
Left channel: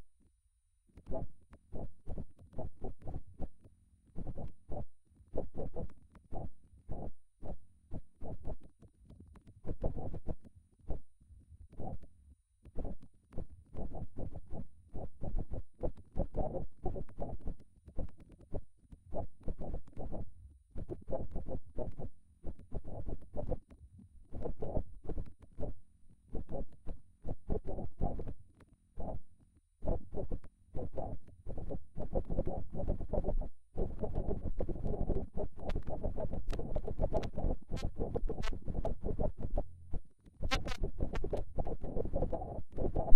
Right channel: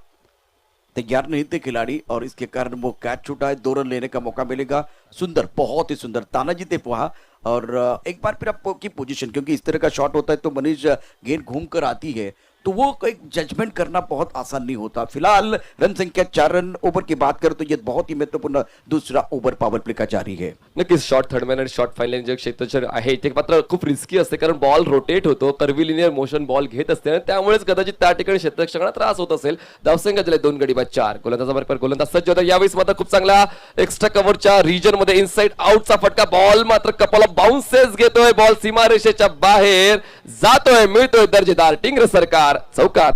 तैयार नहीं थे खिलाड़ी और इसके कारण वो कैच छूटा है। 2 रन लेने का मौका मिलेगा। सुंदर, बहुत ही सुंदर तानाजी थे वहां। और एक बार फिर आपकी पोजीशन, क्योंकि इस तरह का शॉट होता है तो मनीष गेंद घूम कर आती है, तो वो एक जजमेंट करना बहुत आसान नहीं होता। फिलहाल रन संख्या 4 रन। ओवर की बात करें तो ये बहुत ही महत्वपूर्ण दूसरा ओवर पावर प्ले का जारी है। नक्कीच शॉर्ट थर्ड मॅन आणि शॉर्ट फाईनल जे क्षेत्ररक्षण आहे ते मात्र खूप रिस्की असते, कारण बॉल रोटेट होतो, कर्व्हिलिनियर मोशन बॉल घेत असते आणि त्यामुळेच कदाचित त्या ठिकाणी क्षेत्ररक्षकांना त्रास होत असेल. धावसंख्या झाले 2 गडी बाद 4. गोलंदाजाबरोबर गोलंदाज सज्ज होता. यावेळेस मात्र खूप चांगला एक्स्ट्रा कव्हरच्या रिजन मध्ये इनसाइड आउटचा फटका. बॉल मात्र कपाला बाउन्सेस घेतोय. बॉल सीमारेषेच्या बाहेर जातोय, मिळतोय दर्जेदार टिंगर सरकार चौकात.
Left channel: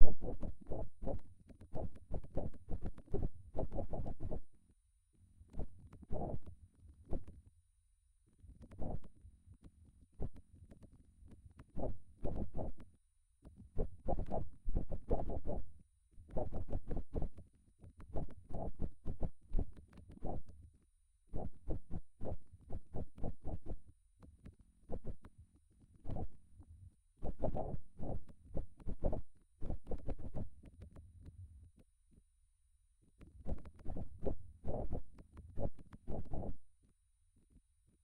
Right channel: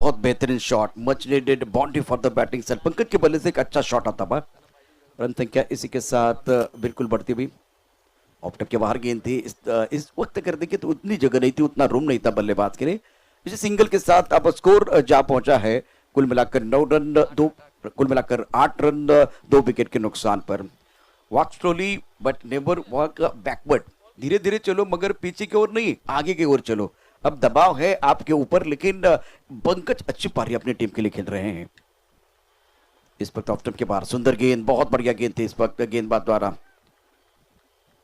बहुत बेहतरीन shot, much needed boundary for the batting set. Pankaj के बल्ले से एक अच्छा शॉट आता था। रन संख्या इसी के साथ बिल्कुल बढ़ती हुई। ऑफ टप के बाहर गेंद थी। इस वक्त कर देखिए तो उतनी जगह नहीं थी, उतना रूम नहीं था बल्लेबाज के लिए। इसी सिंगल के साथ अब स्कोर जा पहुंचा है कुल मिलाकर 9 रन 2, कुल मिलाकर 8 रन 2 विकेट के नुकसान पर। Walk slowly but never walk backward. धीरे धीरे चलो, मगर पीछे की ओर नहीं, आगे की ओर चलो। अब दबाव है आपके ऊपर, लेकिन पंकज अच्छी पारी अपनी टीम के लिए खेल रहे हैं। इस वक्त ऑफ स्टंप के बाहर सुंदर गेंद, बहुत बढ़िया गेंद थी इस वक्त गेंदबाज द्वारा।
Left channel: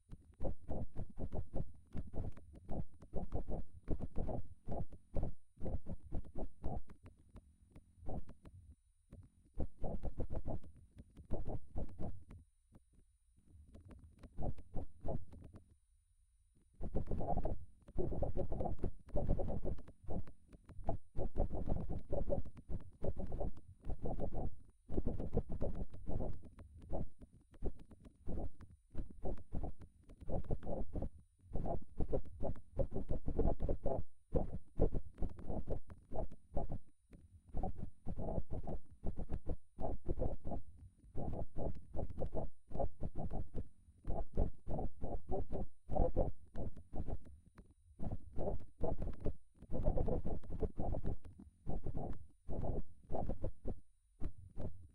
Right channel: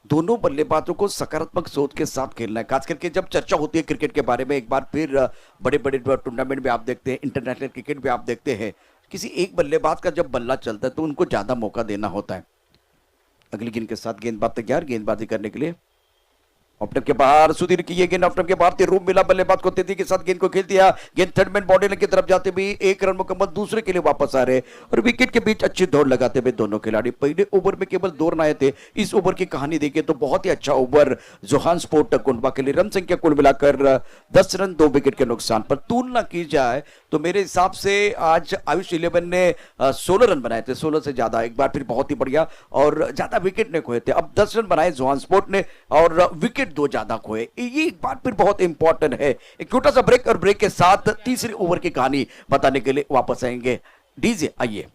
दोनों बल्लेबाजों को सकारात्मक सोच के साथ खेलना है, खास करके जब चर्चा होती है क्रिकेट के बारे में। एक बार फिर बड़े बड़े टूर्नामेंट में आप देखते हैं, इंटरनेशनल क्रिकेट में आप देखते हैं, किसी एक बल्लेबाज का जब बल्ला चलता है तो उनको ज्यादा मौका देना होता है। अगली गेंद के साथ गेंदबाज तैयार गेंदबाजी करने के लिए। ऑफ्टम के बाहर सुधीर की ये गेंद ऑफ्टम के बाहर थी, रूम मिला बल्लेबाज को, तेजी के साथ गेंद को खेल दिया। गेंद थर्ड मैन बॉडी की तरफ जाते भी 1 रन मुकम्मल, दूसरे के लिए वापस आ रहे और विकेट के बीच अच्छी दौड़ लगाते हुए दोनों खिलाड़ी। पहले ओवर में केवल 2 रन आए थे। इस ओवर की कहानी देखिए तो बहुत ही अच्छा ओवर जोहान स्पोर्ट कोंडवा के लिए। रन संख्या कुल मिलाकर 10 रन 2 विकेट के नुकसान पर। तुलना की जाए तो मेरे हिसाब से आज आयुष 11 ने 16 रन बनाए थे, 16 से ज्यादा। एक बार फिर बहुत ही बढ़िया, और ज्यादा विकेट ने खोए थे। अब 10 रन बनाए जोहान स्पोर्ट ने और विकेट 2 ज्यादा खोए। ये एक बार फिर बहुत इंपॉर्टेंट है। एक छोटा सा ब्रेक, और ब्रेक के साथ तीसरे ओवर की कहानी बताने के लिए वापस आएंगे। डीजे आइए।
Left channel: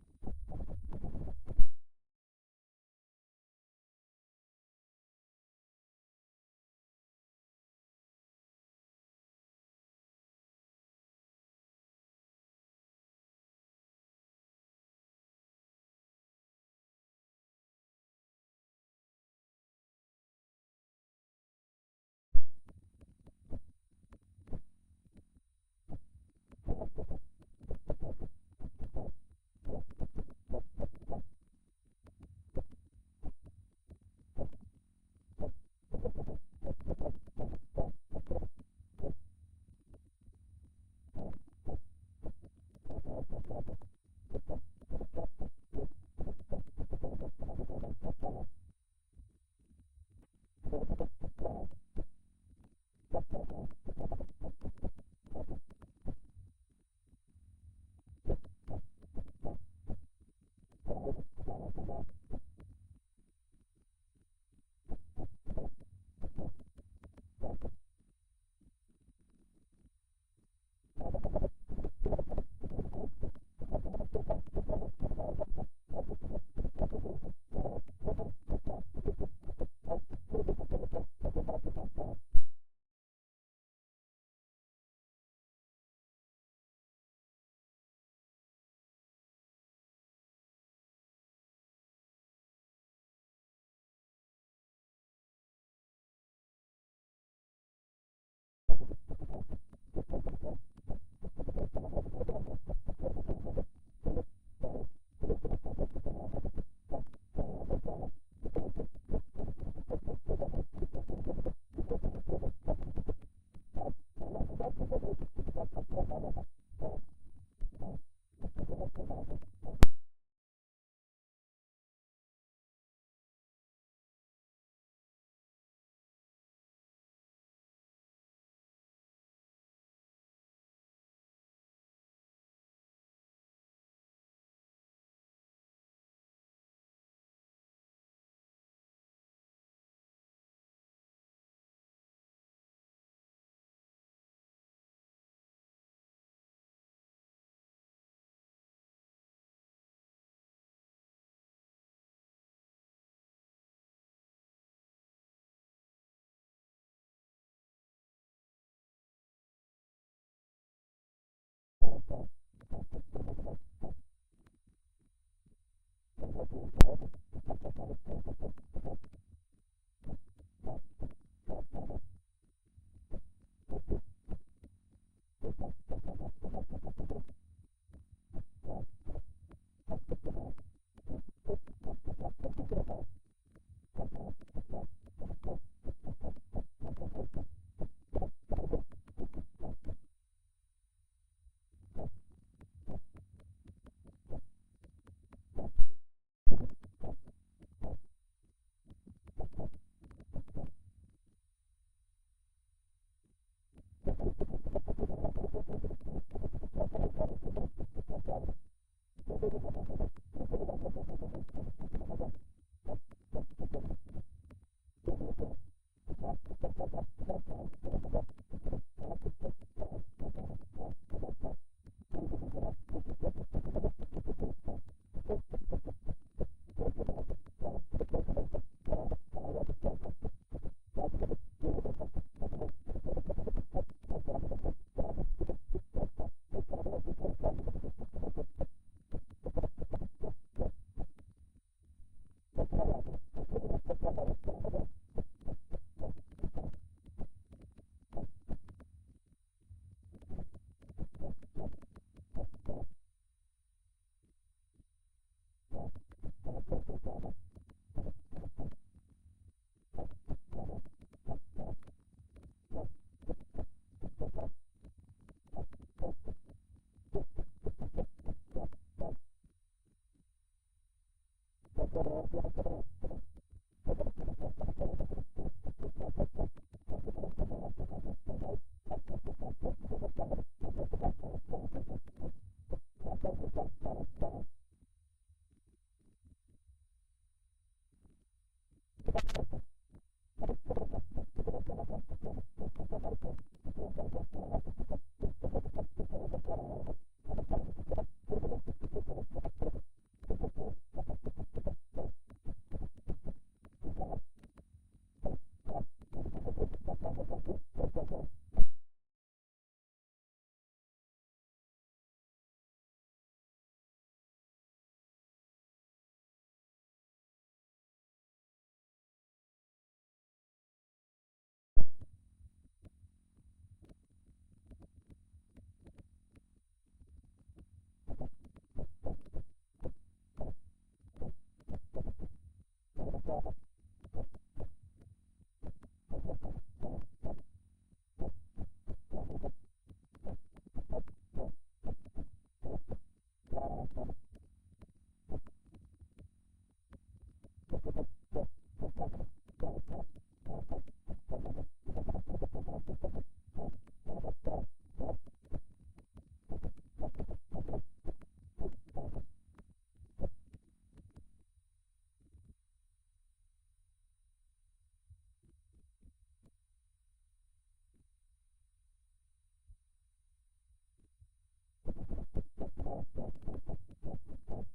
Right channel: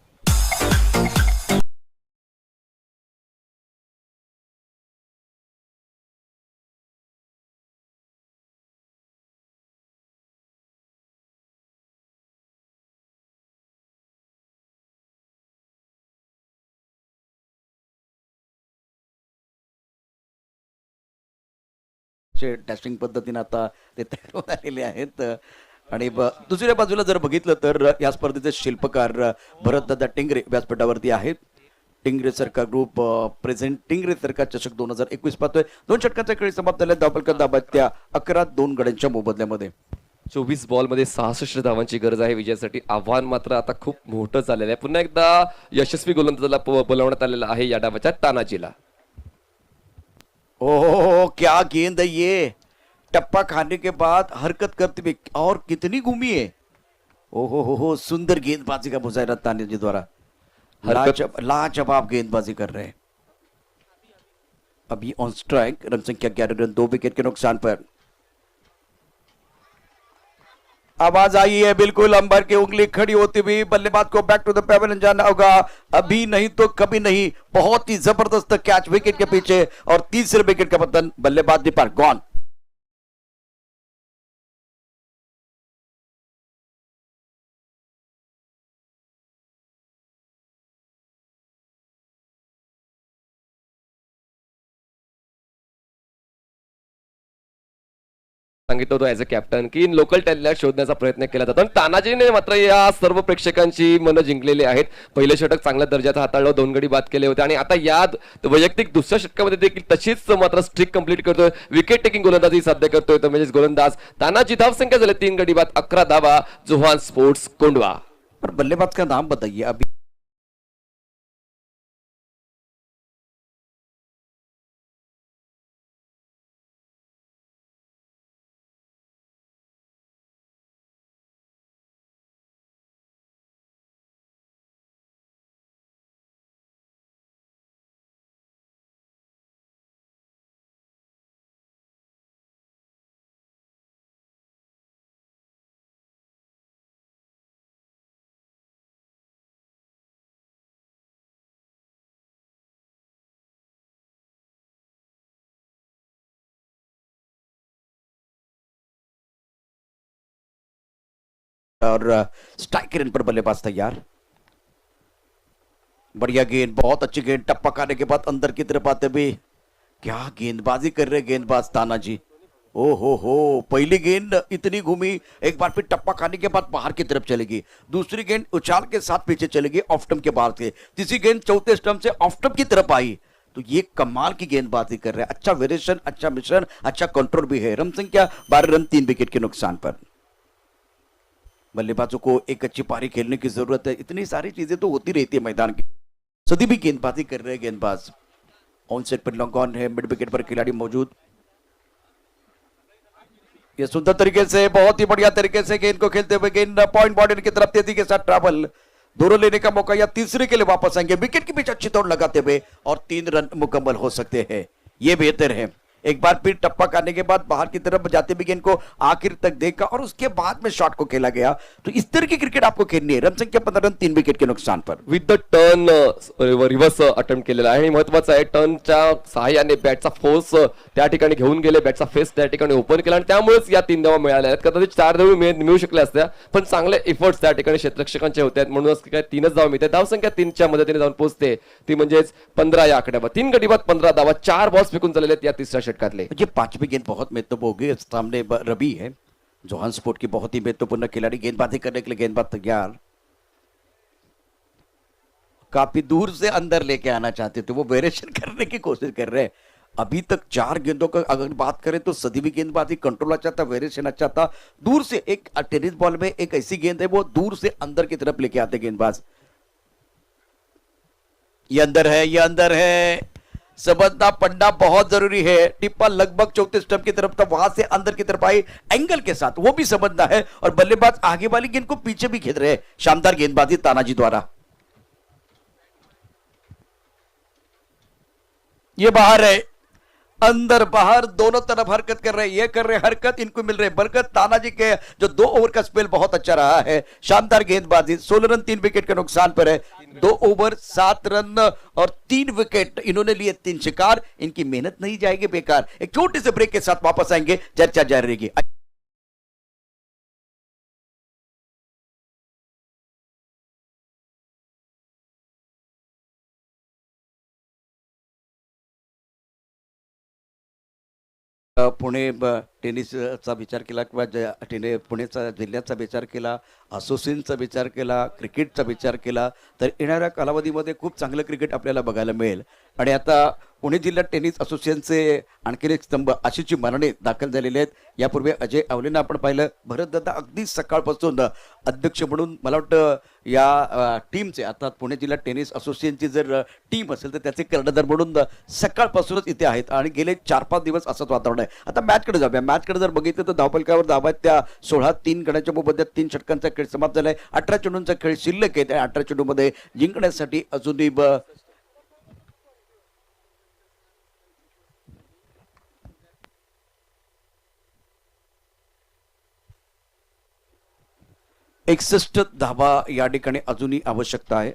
डॅशिंग पद्धतीने आता ते तयार होऊन आलेले आहेत. आणि दुसऱ्या बाजूला जर बघितलं तर या स्पर्धेचे शिल्पकार भरतदादा टिंगरे व्यासपीठावरती आहेत. टिंगरे सरकार ग्रुप प्रेझेंट टिंगरे सरकार चषक 2021 पाहतोय. 2 षटकांच्या खेळी समाप्त झाल्या. धावफलक दाबात्या 11-2 गड्यांच्या मोबदल्यामध्ये. 24 बॉलमध्ये 66 धावांची गरज आहे विजयासाठी. आव्हान मात्र आता खूप मोठं झालेलं आहे. पुन्हा एकदा यशस्वी गोलंदाजाला बोलावण्यात आलेलं आहे या डावाच्या तानाजीला. ओह क्या गेंद है ये, टप्पा खाने के बाद हरकत करते हुए और कितनी घूमी है. ओहो हो, सुंदर गेंदबाजी का मुजाहरा तानिया द्वारा. लाजवाब गेंदबाजी कर रहे हैं. अभी ऑन स्ट्राइक, रन संख्या 11 रन 2 विकेट के नुकसान पर. आवाज आई है बिल्कुल अंबर की उंगली खड़ी होती हुई. बल्लेबाज को बैक टू द पेवेलियन जाना होगा. अभी नहीं तो कभी नहीं. बहुत ही जबरदस्त कैच विकेट के पीछे और तीसरे विकेट का पतन. बल्लेबाज ने पर गॉन. सांगितलं होतं ऍज अ कॅप्टन की लोकल टॅलेंट शोधण्याचा प्रयत्न केला जातो आणि तानाजीने मात्र या सर्व प्रेक्षकांची मनं जिंकलेली आहेत. पहिलं षटक चांगल्या दर्जाचं हाताळलं, 2 गडी बाद केले होते आणि आता या वैयक्तिक दुसऱ्या षटकामध्ये देखील तशीच मात्र स्ट्रिक कंप्लीट करतोय. विकेट टेकिंग गोलंदाजी साध्य करतोय तर म्हणजे गोलंदाज तानाजी. धावसंख्या झाले 3 गडी बाद, 11 धावा. Johan sports Kondhwa. और बल्लेबाज का नाम बताइए अभी. और स्ट्राइक रेन पर बल्लेबाज तैयार. बढ़िया गेंद, बहुत अच्छी गेंद. टप्पा खाने के बाद अंदर की तरफ आते हुए क्या गेंदबाजी कर रहे गेंदबाज तानाजी. ओ हो, पहली गेंद इतनी घूमी, एक बार फिर टप्पा खाने के बाद बाहर की तरफ चलेगी. दूसरी गेंद उछाल के साथ पीछे चलेगी ऑफ स्टंप के बाहर से. तीसरी गेंद चौथे स्टंप से ऑफ स्टंप की तरफ आई. तो ये कमाल की गेंदबाजी कर रहे हैं. अच्छा वेरिएशन, अच्छा मिश्रण, अच्छा कंट्रोल भी है. रन संख्या 12 रन 3 विकेट के नुकसान पर. बल्लेबाजों को एक अच्छी पारी खेलने की जरूरत है. इतनी सारी चीजें तो होती रहती है मैदान की. सदी भी गेंदबाजी कर रहे हैं गेंदबाज. ऑन सेट पर लॉन्ग ऑन है. मिड विकेट पर खिलाड़ी मौजूद. ये सुंदर तरीके से, बहुत ही बढ़िया तरीके से गेंद को खेलते हुए गेंद पॉइंट बॉर्डर की तरफ तेजी के साथ ट्रैवल. दोनों लेने का मौका या तीसरे के लिए वापस आएंगे. विकेट के बीच अच्छी तोड़ लगाते हुए और 3 रन मुकम्मल हो सकते हैं. ये बेहतर है. एक बार फिर टप्पा खाने के बाद बाहर की तरफ जाते भी गेंद को आखिर तक देखा और उसके बाद में शॉट को खेला गया. तो इस तरह की क्रिकेट आपको खेलनी है. रन संख्या 15 रन 3 विकेट के नुकसान पर. With the turn reverse attempt केलेला आहे आणि महत्वाचं आहे टर्नच्या सहाय्याने बॅटचा फोर्स त्या ठिकाणी घेऊन गेले. बॅटचा फेस त्या ठिकाणी ओपन केला आणि त्यामुळेच या 3 धावा मिळाल्या आहेत. कदाचित 4 धावा मिळू शकल्या असत्या पण चांगले एफर्ट्स त्या ठिकाणी क्षेत्ररक्षकांचे होते आहेत म्हणूनच काय 3च धावा मिळते. धावसंख्या 3च्या मदतीने जाऊन पोहोचते ती म्हणजेच 15 या आकड्यावर. 3 गडी बाद 15 धावा. 4 बॉल्स फेकून झालेले आहेत या तिसऱ्या षटकातले. ये 5वीं गेंद बहुत महत्वपूर्ण होगी. सामने रवि है, जोहान स्पोर्ट की बहुत ही महत्वपूर्ण खिलाड़ी. गेंदबाजी करने के लिए गेंदबाज तैयार. काफी दूर से अंदर लेके आना चाहते थे, वो वेरिएशन करने की कोशिश कर रहे हैं. अभी तक 4 गेंदों का अगर बात करें तो सदी भी गेंदबाजी कंट्रोल अच्छा था, वेरिएशन अच्छा था. दूर से एक टेनिस बॉल में एक ऐसी गेंद है वो दूर से अंदर की तरफ लेके आते गेंदबाज. ये अंदर है, ये अंदर है. समझना पढ़ना बहुत जरूरी है. टिप्पा लगभग 34 स्टंप की तरफ था, वहां से अंदर की तरफ आई एंगल के साथ, वो भी समझना है. और बल्लेबाज आगे वाली गेंद को पीछे भी खेल रहे हैं. शानदार गेंदबाजी तानाजी द्वारा. ये बाहर है, अंदर बाहर दोनों तरफ हरकत कर रहे हैं. ये कर रहे हरकत, इनको मिल रहे बरकत. तानाजी के जो 2 ओवर का स्पेल बहुत अच्छा रहा है. शानदार गेंदबाजी. 16 रन 3 विकेट के नुकसान पर है. 2 ओवर 7 रन और 3 विकेट इन्होंने लिए. 3 शिकार. इनकी मेहनत नहीं जाएगी बेकार. एक छोटे से ब्रेक के साथ वापस आएंगे. चर्चा जारी रहेगी. पुणे टेनिसचा विचार केला किंवा पुणेचा जिल्ह्याचा विचार केला, असोसिएशनचा विचार केला, क्रिकेटचा विचार केला, तर येणाऱ्या कालावधीमध्ये खूप चांगलं क्रिकेट आपल्याला बघायला मिळेल. आणि आता पुणे जिल्हा टेनिस असोसिएशनचे आणखीन एक स्तंभ आशिषची मरणे दाखल झालेले आहेत. यापूर्वी अजय आवलेंना आपण पाहिलं. भरतदादा अगदी सकाळपासून अध्यक्ष म्हणून मला वाटतं या टीमचे अर्थात पुणे जिल्हा टेनिस असोसिएशनची जर टीम असेल तर त्याचे कर्णधार म्हणून सकाळपासूनच इथे आहेत आणि गेले 4-5 दिवस असंच वातावरण आहे. आता मॅचकडे जाऊया. मॅचकडे जर बघितलं तर धावपलकावर धावा आहेत त्या 16. 3 गड्यांच्या मोबदल्यात 3 षटकांचा खेळ समाप्त झालाय. 18 चेंडूंचा खेळ शिल्लक आहे. त्या 18 चेंडूमध्ये जिंकण्यासाठी अजूनही एकसष्ट धावा या ठिकाणी अजूनही आवश्यकता आहे.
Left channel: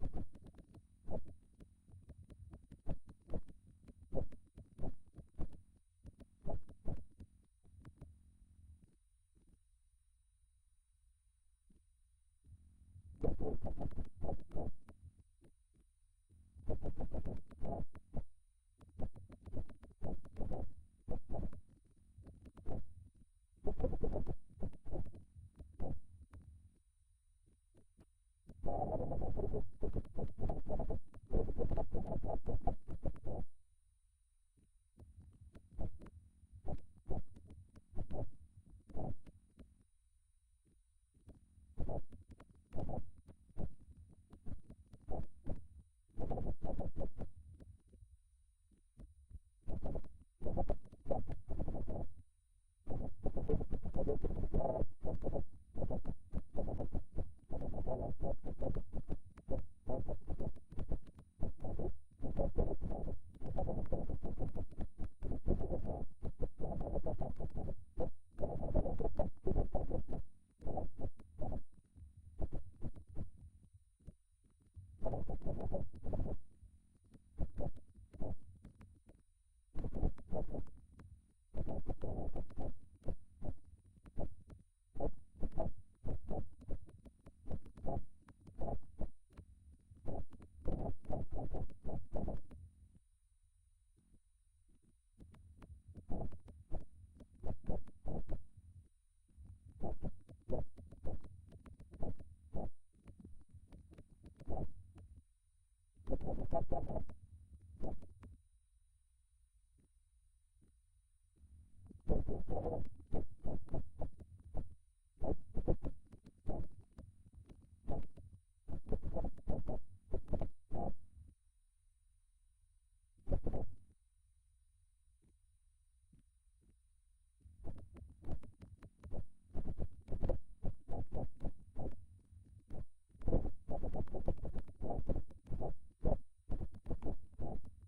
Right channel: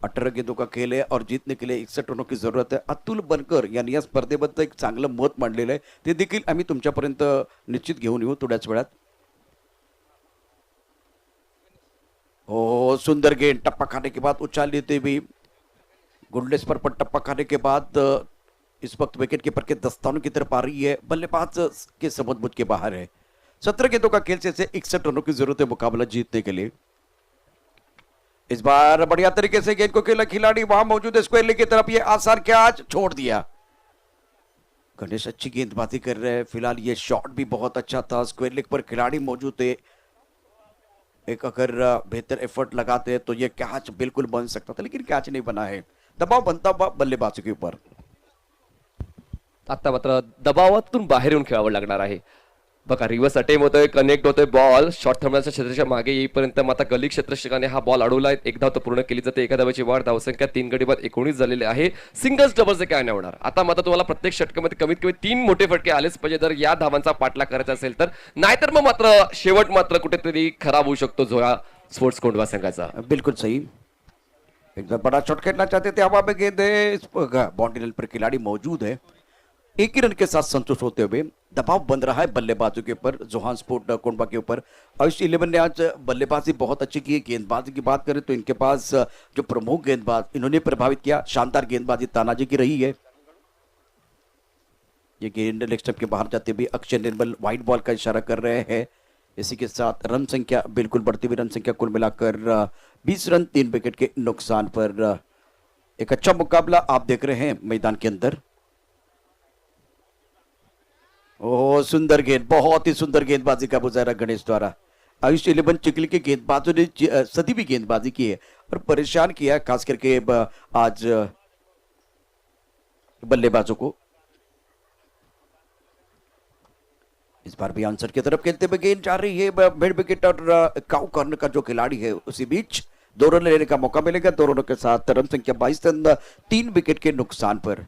18 गेंदों का खेल है और जीतने के लिए 61 रनों की जरूरत है. अतुल बनकर यांनी या स्पर्धेबद्दल एक चांगलं मत मांडलेलं आहे. ते देखील आम्ही तुमच्यापर्यंत निश्चित घेऊन येऊ थोड्याच वेळात. ओ सुंदर गेंद टप्पा खाने के बाद उछाल लेते हुए गुडलेस पर टप्पा खाने के बाद इस वक्त विकेट कीपर के दस्तानों की तरफ आ रही है. बल्लेबाज के समझबूझ के बाहर है. 17 गेंदों का खेल से 61 रनों की जरूरत है मुकाबला जीतने के लिए. इस बार बढ़िया तरीके से गेंद को खेला खिलाड़ी वहां मौजूद है. स्क्वेरली की तरफ ये आसान कैच छोड़ दिया. गणेश अच्छी गेंदबाजी कर रहे हैं. फिलहाल ये शॉट भी बहुत अच्छा था. स्क्वेयर लेग पर खिलाड़ी मौजूद थे. एक अगर बेहतर एफर्ट लगाते हैं तो ये कैच बिल्कुल बन सकता था लेकिन कैच नहीं बना है. दबाव बनता हुआ बल्लेबाजों के ऊपर. आता मात्र दबावातून बाहेर येऊन खेळावं लागणार आहे. बघा रिव्हर्स अटेम्प्ट होतोय, कनेक्ट होतोय, बॉल शॉर्ट थांबण्याच्या क्षेत्राच्या मागे येईपर्यंत माता गली क्षेत्ररक्षकाने हा बॉल अडवलाय. एक धाव तो पूर्ण केली जाते. एका धावाची वाढ. धावसंख्या 3 गडी बाद 19 झालेली आहे. सिंगल्स डबल्स काय नाही होणार. आता मात्र तुम्हाला प्रत्येक षटकामध्ये कमीत कमी 3 मोठे फटके आलेच पाहिजे जर या धावांचा पाठलाग करायचा असेल तर. नाहीतर मग मात्र शेवट मात्र कुठेतरी खराब होऊ शकतो झोळा स्पोर्ट्स कोंढवा संघाचा. बिल्कुल सही. एकदम बड़ा शॉट खेलना चाहते थे. हवा में गेंद है. बाउंड्री लाइन पर खिलाड़ी मौजूद है. एक ही रन के साथ संतुष्ट होते हुए दबाव बन रहा है बल्लेबाजों के ऊपर, जोहान्सपोर्ट कोंडवा के ऊपर. आयुष 11 ने आज बल्लेबाजी बहुत अच्छी की है. गेंदबाजी की बात करें तो इनके पास जो प्रमुख गेंदबाज इन्होंने प्रभावित किया. शानदार गेंदबाजी तानाजी की रही है. ये गेंद लेग स्टंप के बाहर जाते हुए अक्षय निर्मल वाइड बॉल का इशारा कर रहे हैं. इसी के साथ रन संख्या बिल्कुल बढ़ती हुई. रन संख्या कुल मिलाकर 20 रन 3 विकेट के नुकसान पर. एक अच्छा मुकाबला आप देख रहे हैं मैदान के अंदर. ओह सुंदर गेंद, बहुत ही सुंदर गेंदबाजी का मुजाहरा गणेश द्वारा. आयुष 11 चिकली के गेंदबाजों ने सदी भी गेंदबाजी की है और परेशान किया है खास करके आज बल्लेबाजों को. इस बार भी आंसर की तरफ खेलते हुए गेंद जा रही है. मिड विकेट और काउ कॉर्नर का जो खिलाड़ी है उसी बीच 2 रन लेने का मौका मिलेगा. 2 रनों के साथ रन संख्या 22 रन 3 विकेट के नुकसान पर.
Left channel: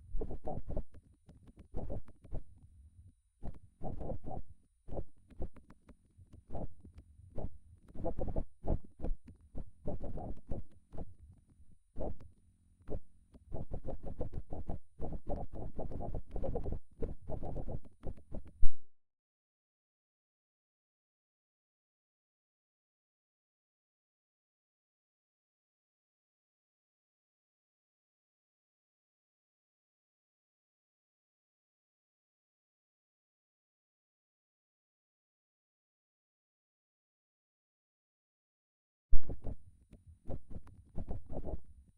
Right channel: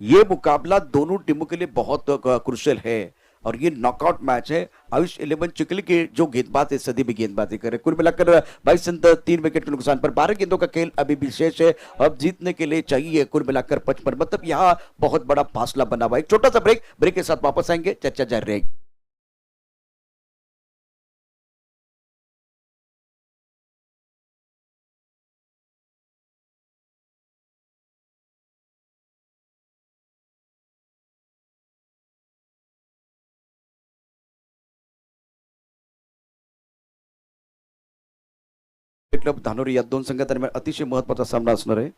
ये मुकाबला दोनों टीमों के लिए बहुत क्रुशियल है और ये नॉकआउट मैच है. आयुष 11 चिकली के जो गेंदबाज है सदी भी गेंदबाजी करे. कुल मिलाकर 22 रन 3 विकेट के नुकसान पर. 12 गेंदों का खेल अभी भी शेष है. अब जीतने के लिए चाहिए कुल मिलाकर 55. मतलब यहाँ बहुत बड़ा फासला बना हुआ है. एक छोटा सा ब्रेक. ब्रेक के साथ वापस आएंगे. चर्चा जारी रहेगी. क्लब धानोरी या 2 संघादरम्यान अतिशय महत्वाचा सामना असणार आहे.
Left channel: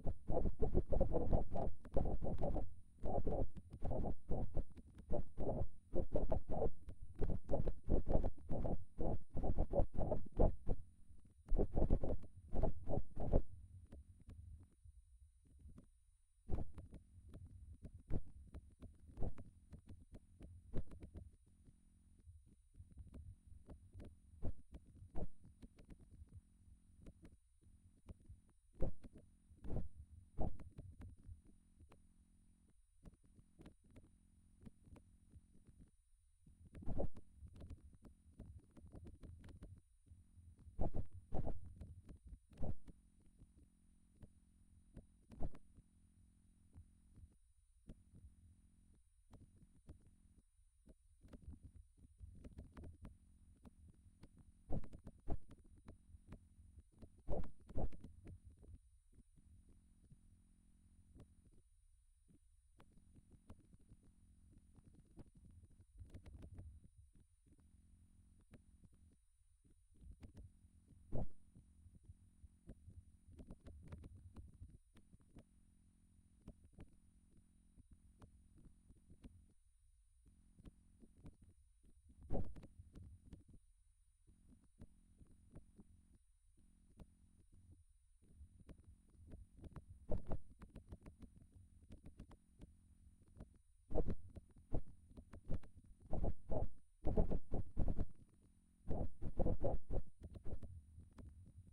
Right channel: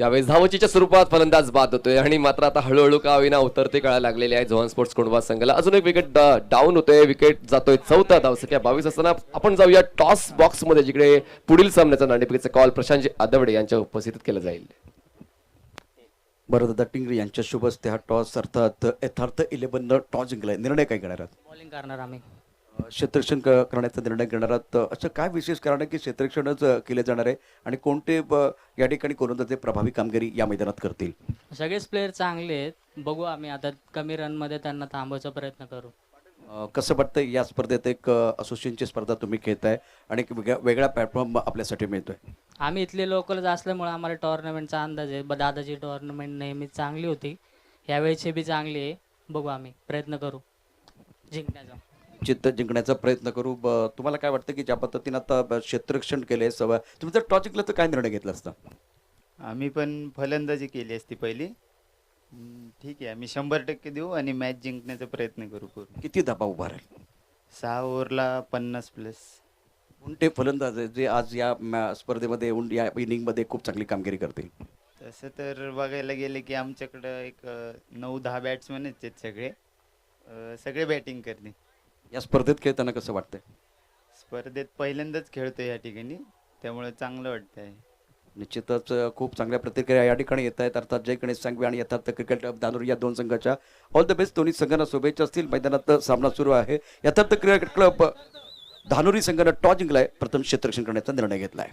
यावेळेस धावचीच्या स्वरूपात फलंदाज बाद होतोय आणि मात्र आता हळूहळू का होईना उतरते कळा लागलेले आहे जोहान स्पोर्ट्स कोंढवा संघाला. अजून एक विकेट डाऊन होतोय. विकेट जातोय 4था. धावसंख्या 22 असताना आपण जाऊया टॉस बॉक्स मध्ये जिकडे पुढील सामन्याचा नाणेफेकीचा कॉल प्रशांतजी आदवडे यांच्या उपस्थितीत केला जाईल. बरं दादा टिंगरे यांच्या शुभ हस्ते हा टॉस अर्थात यथार्थ 11 टॉस जिंकलाय. निर्णय काय घेणार आहात? बॉलिंग करणार आम्ही. क्षेत्ररक्षण करण्याचा निर्णय घेणार आहात. असं काय विशेष कारण आहे की क्षेत्ररक्षणच केले जाणार आहे आणि कोणते या ठिकाणी गोलंदाजे प्रभावी कामगिरी या मैदानात करतील? सगळेच प्लेयर चांगले आहेत. बघू आम्ही आता कमी रन मध्ये त्यांना थांबवायचा प्रयत्न करू. कसं वाटतं या स्पर्धेत एक असोसिएशनची स्पर्धा तुम्ही खेळताय आणि एक वेगळा प्लॅटफॉर्म आपल्यासाठी मिळतोय. आम्ही इथले लोकलच असल्यामुळे आम्हाला टुर्नामेंटचा अंदाज आहे. दादाची टुर्नामेंट नेहमी चांगली होती. यावेळेची बी चांगली आहे. बघू आम्ही प्रयत्न करू. जिंकण्याचा. चित्त जिंकण्याचा प्रयत्न करू. तुम्हाला काय वाटतं की ज्या पद्धतीनं आता क्षेत्ररक्षण केले सवय, तुम्ही जर टॉस जिंकलं तर काय निर्णय घेतला असता? आम्ही पण फलंदाजी केली असती पहिली. ठीक आहे, आम्ही 100% देऊ आणि मॅच जिंकण्याचा प्रयत्न करू पूर्ण. किती धाबा उभा राहील? 6 ओव्हरला 50+. कोणते फलंदाज आहे जे आज या स्पर्धेमध्ये या इनिंगमध्ये खूप चांगली कामगिरी करतील? तसं तर बघायला गेले की आमच्याकडं एक 9-10 बॅट्समॅनच आहेत सगळे. सगळे बॅटिंग करते. या स्पर्धेत खेळताना कसं वाटतंय? स्पर्धेत पहिल्यांदाच खेळतो या ठिकाणी, त्यामुळे चांगलं वाटतंय. निश्चितच खूप चांगल्या प्रतिक्रिया या ठिकाणी येत आहेत. अर्थात जय गणेश सांगवी आणि यथार्थ क्रिकेट धानोरी या दोन संघाच्या ऑल द बेस्ट. दोन्ही संघांना शुभेच्छा असतील. मैदानात सामना सुरू आहे. यथार्थ क्रिकेट क्लब धानोरी संघानं टॉस जिंकलाय, प्रथम क्षेत्ररक्षण करण्याचा निर्णय घेतलाय.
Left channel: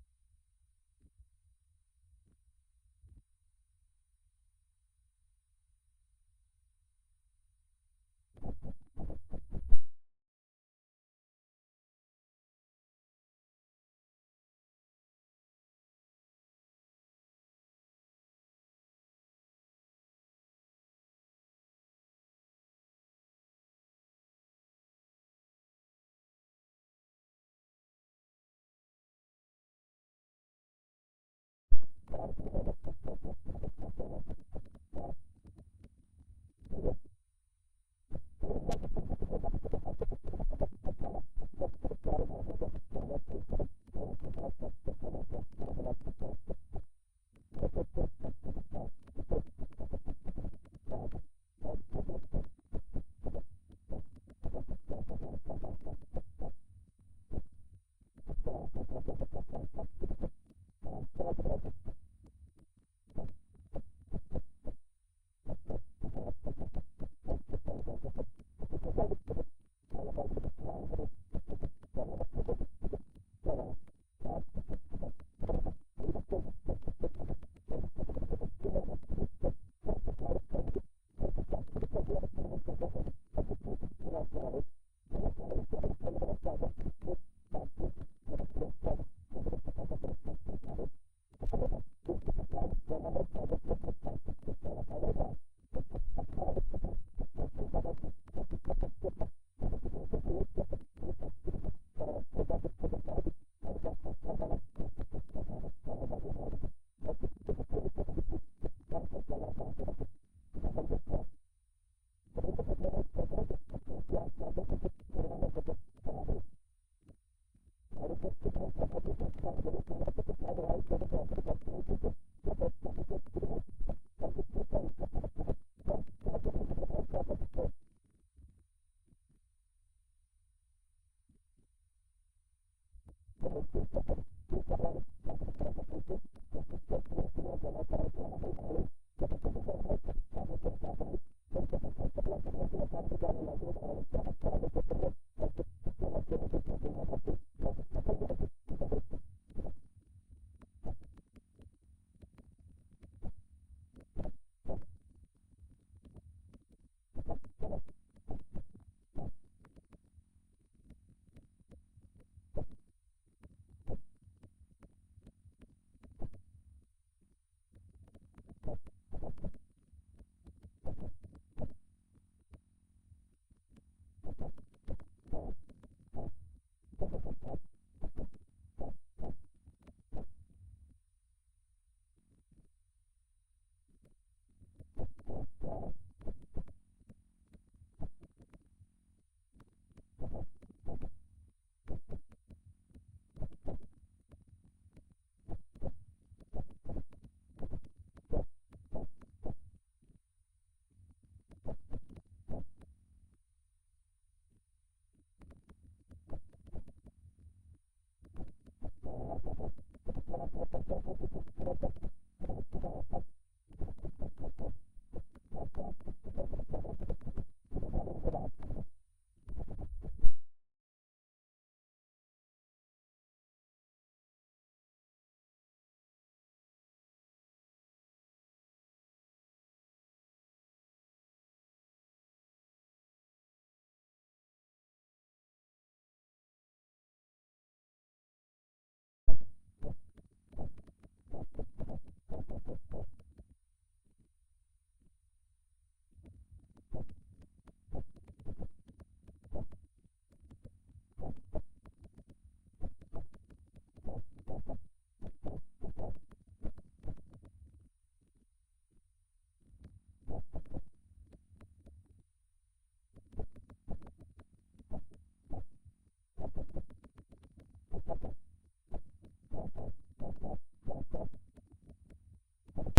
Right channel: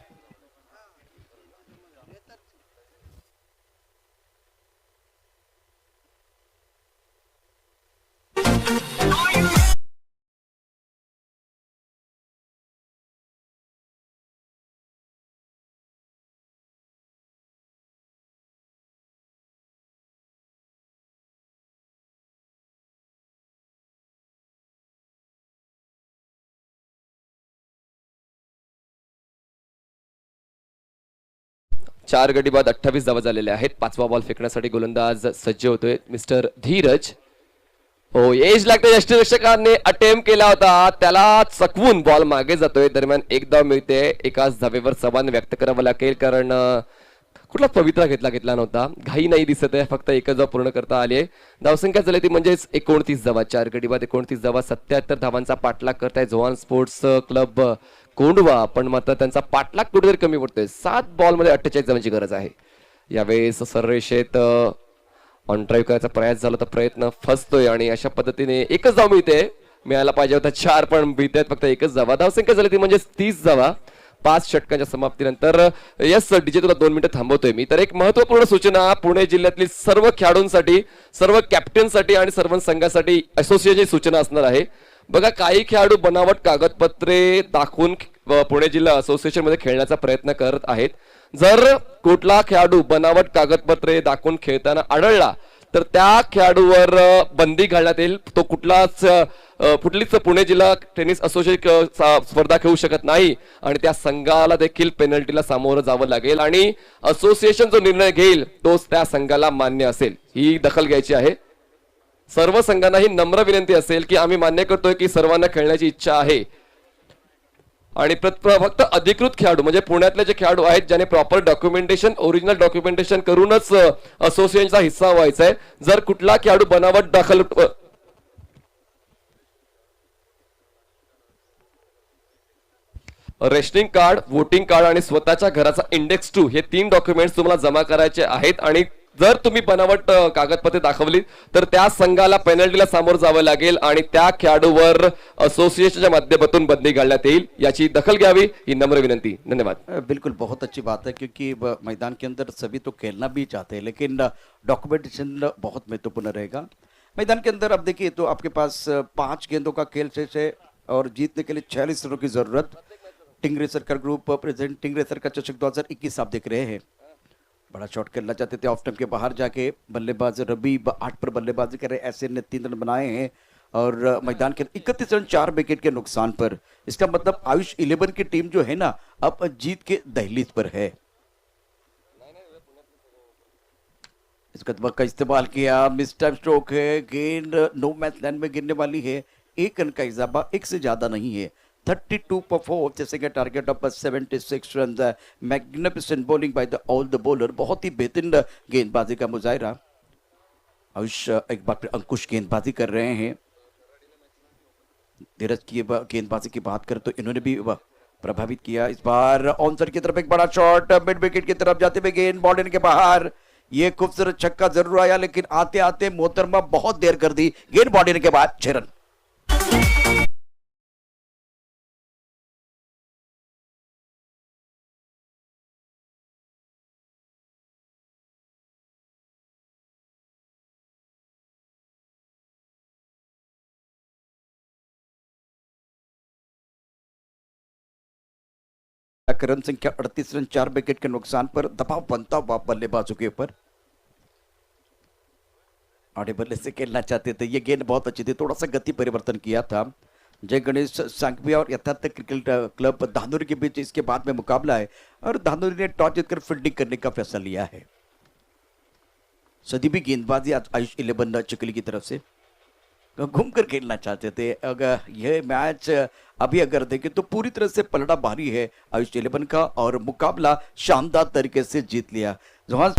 चार गडी बाद 28 धावा झालेल्या आहेत. पाचवा बॉल फेकण्यासाठी गोलंदाज सज्ज होतोय मिस्टर धीरज. हो, एज लागते. यष्टिरक्षकाने अटेम्प्ट केला होता, त्याला चकवून बॉल मागे जातोय. दरम्यान एक धाव मिळते. एकाच धावेवर समाधान व्यक्त करावं लागेल, कारण कुठला पवित्रा घेतला नव्हता. घाई नाही दिसत आहे, फक्त एकच धाव पूर्ण करता आली आहे. धावसंख्या झाली ती म्हणजेच 29 धावा. चार गडी बाद 29 धावा. 77 धावांचा पाठलाग करताय झोवान स्पोर्ट्स क्लब कोंडवा, पण मात्र त्यांचा पाठलाग कुठेतरी कमी पडतोय. 7 बॉलमध्ये 48 धावांची गरज आहे. यावेळेस सररेषेत ऑन ड्राईव्ह करायचा प्रयास झाला तर प्रयत्न फसतोय आणि अशा पद्धतीने एकच धाव मिळते. मिळायला पाहिजे होता 4, पण मिळत फक्त एकच धावा. धावसंख्या झाली ती म्हणजे 30 धावा 5 षटकांच्या समाप्तीनंतर. यस डीजे, तुला 2 मिनिटं थांबवतोय मी. तर एक महत्वपूर्ण सूचना पुणे जिल्ह्यातील सर्व खेळाडूंसाठी, सर्व कॅप्टनसाठी आणि सर्व संघासाठी असोसिएशनची सूचना असणार आहे. बघा, काही खेळाडू बनावट कागदपत्रे दाखवून पुणे जिल्हा असोसिएशन मध्ये खेळण्याचा प्रयत्न करत आहेत. जर कुठला खेळाडू बनावट कागदपत्रे दाखवून खेळताना आढळला तर त्या खेळाडूवर बंदी घालण्यात येईल. तो कुठलीच पुणे जिल्हा टेनिस असोसिएशन स्पर्धा खेळू शकत नाही आणि त्या संघाला देखील पेनल्टीला सामोरं जावं लागेल आणि असोसिएशन जो निर्णय घेईल तोच त्या संघाला मान्य असेल. ही दखल घ्यायची आहे. सर्व संघांना ही नम्र विनंती असेल की आम्ही मान्य करतोय की सर्वांना खेळण्याची इच्छा आहे आणि फक्त अधिकृत खेळाडू म्हणजे पुण्यातले जे खेळाडू आहेत ज्याने प्रॉपर डॉक्युमेंटेशन, ओरिजिनल डॉक्युमेंटेशन करूनच असोसिएशनचा हिस्सा व्हायचा आहे. जर कुठला खेळाडू बनावट दाखल रेशनिंग कार्ड, वोटिंग कार्ड आणि स्वतःच्या घराचा इंडेक्स 2 हे 3 डॉक्युमेंट्स तुम्हाला जमा करायचे आहेत आणि जर तुम्ही बनावट कागदपत्रे दाखवली तर त्या संघाला पेनल्टीला सामोरं जावं लागेल आणि त्या खेळाडूवर असोसिएशनच्या माध्यमातून बंदी घालण्यात येईल. याची दखल घ्यावी ही नम्र विनंती. धन्यवाद. बिल्कुल, बहुत अच्छी बात है क्योंकि मैदान के अंदर सभी तो खेलना भी चाहते हैं, लेकिन डॉक्यूमेंटेशन बहुत महत्वपूर्ण रहेगा. मैदान के अंदर अब देखिए तो आपके पास 5 गेंदों का खेल शेष है और जीतने के लिए 46 रनों की जरूरत. टिंगरे सरकार ग्रुप प्रेजेंट टिंगरे सरकार चषक 2021 आप देख रहे हैं. बड़ा शॉट खेलना चाहते थे ऑफ स्टंप के बाहर जाके. बल्लेबाज रबी 8 पर बल्लेबाजी कर रहे. ऐसे ने 3 रन बनाए हैं और मैदान के 31 रन 4 विकेट के नुकसान पर. इसका मतलब आयुष 11 की टीम जो है ना अब जीत के दहलीज पर है. इस कदम का इस्तेमाल किया. मिस टाइम स्ट्रोक है. गेंद नो मैच लाइन में गिरने वाली है. 1 रन का इजाफा, 1 से ज्यादा नहीं है. 32 for 4 जैसे कि target of 76 run. Magnificent bowling by the all the bowler. बहुत ही बेहतरीन गेंदबाजी का मुजाहिरा. आयुष एक बार फिर अंकुश गेंदबाजी कर रहे हैं. धीरज की गेंदबाजी की बात करें तो इन्होंने भी प्रभावित किया. इस बार ऑनसर की तरफ एक बड़ा शॉट मिड विकेट की तरफ जाते हुए गेंद बॉर्डर के बाहर. ये खूबसूरत छक्का जरूर आया लेकिन आते आते मोहतरमा बहुत देर कर दी. गेंद बॉर्डर के बाद 6 रन. रन संख्या 38 रन 4 विकेट के नुकसान पर. दबाव बनता हुआ बल्लेबाजों के ऊपर. आड़े बल्ले से खेलना चाहते थे, ये गेंद बहुत अच्छी थी, थोड़ा सा गति परिवर्तन किया था। जय गणेश सांघवी और यथार्थ क्रिकेट क्लब धांधुरी के बीच इसके बाद में मुकाबला है और धांधुरी ने टॉस जीतकर फील्डिंग करने का फैसला लिया है। सदी भी गेंदबाजी आयुष 11 चिकली की तरफ से घूम कर खेलना चाहते थे। अगर यह मैच अभी अगर देखें तो पूरी तरह से पलड़ा भारी है आयुष 11 का और मुकाबला शानदार तरीके से जीत लिया। जहां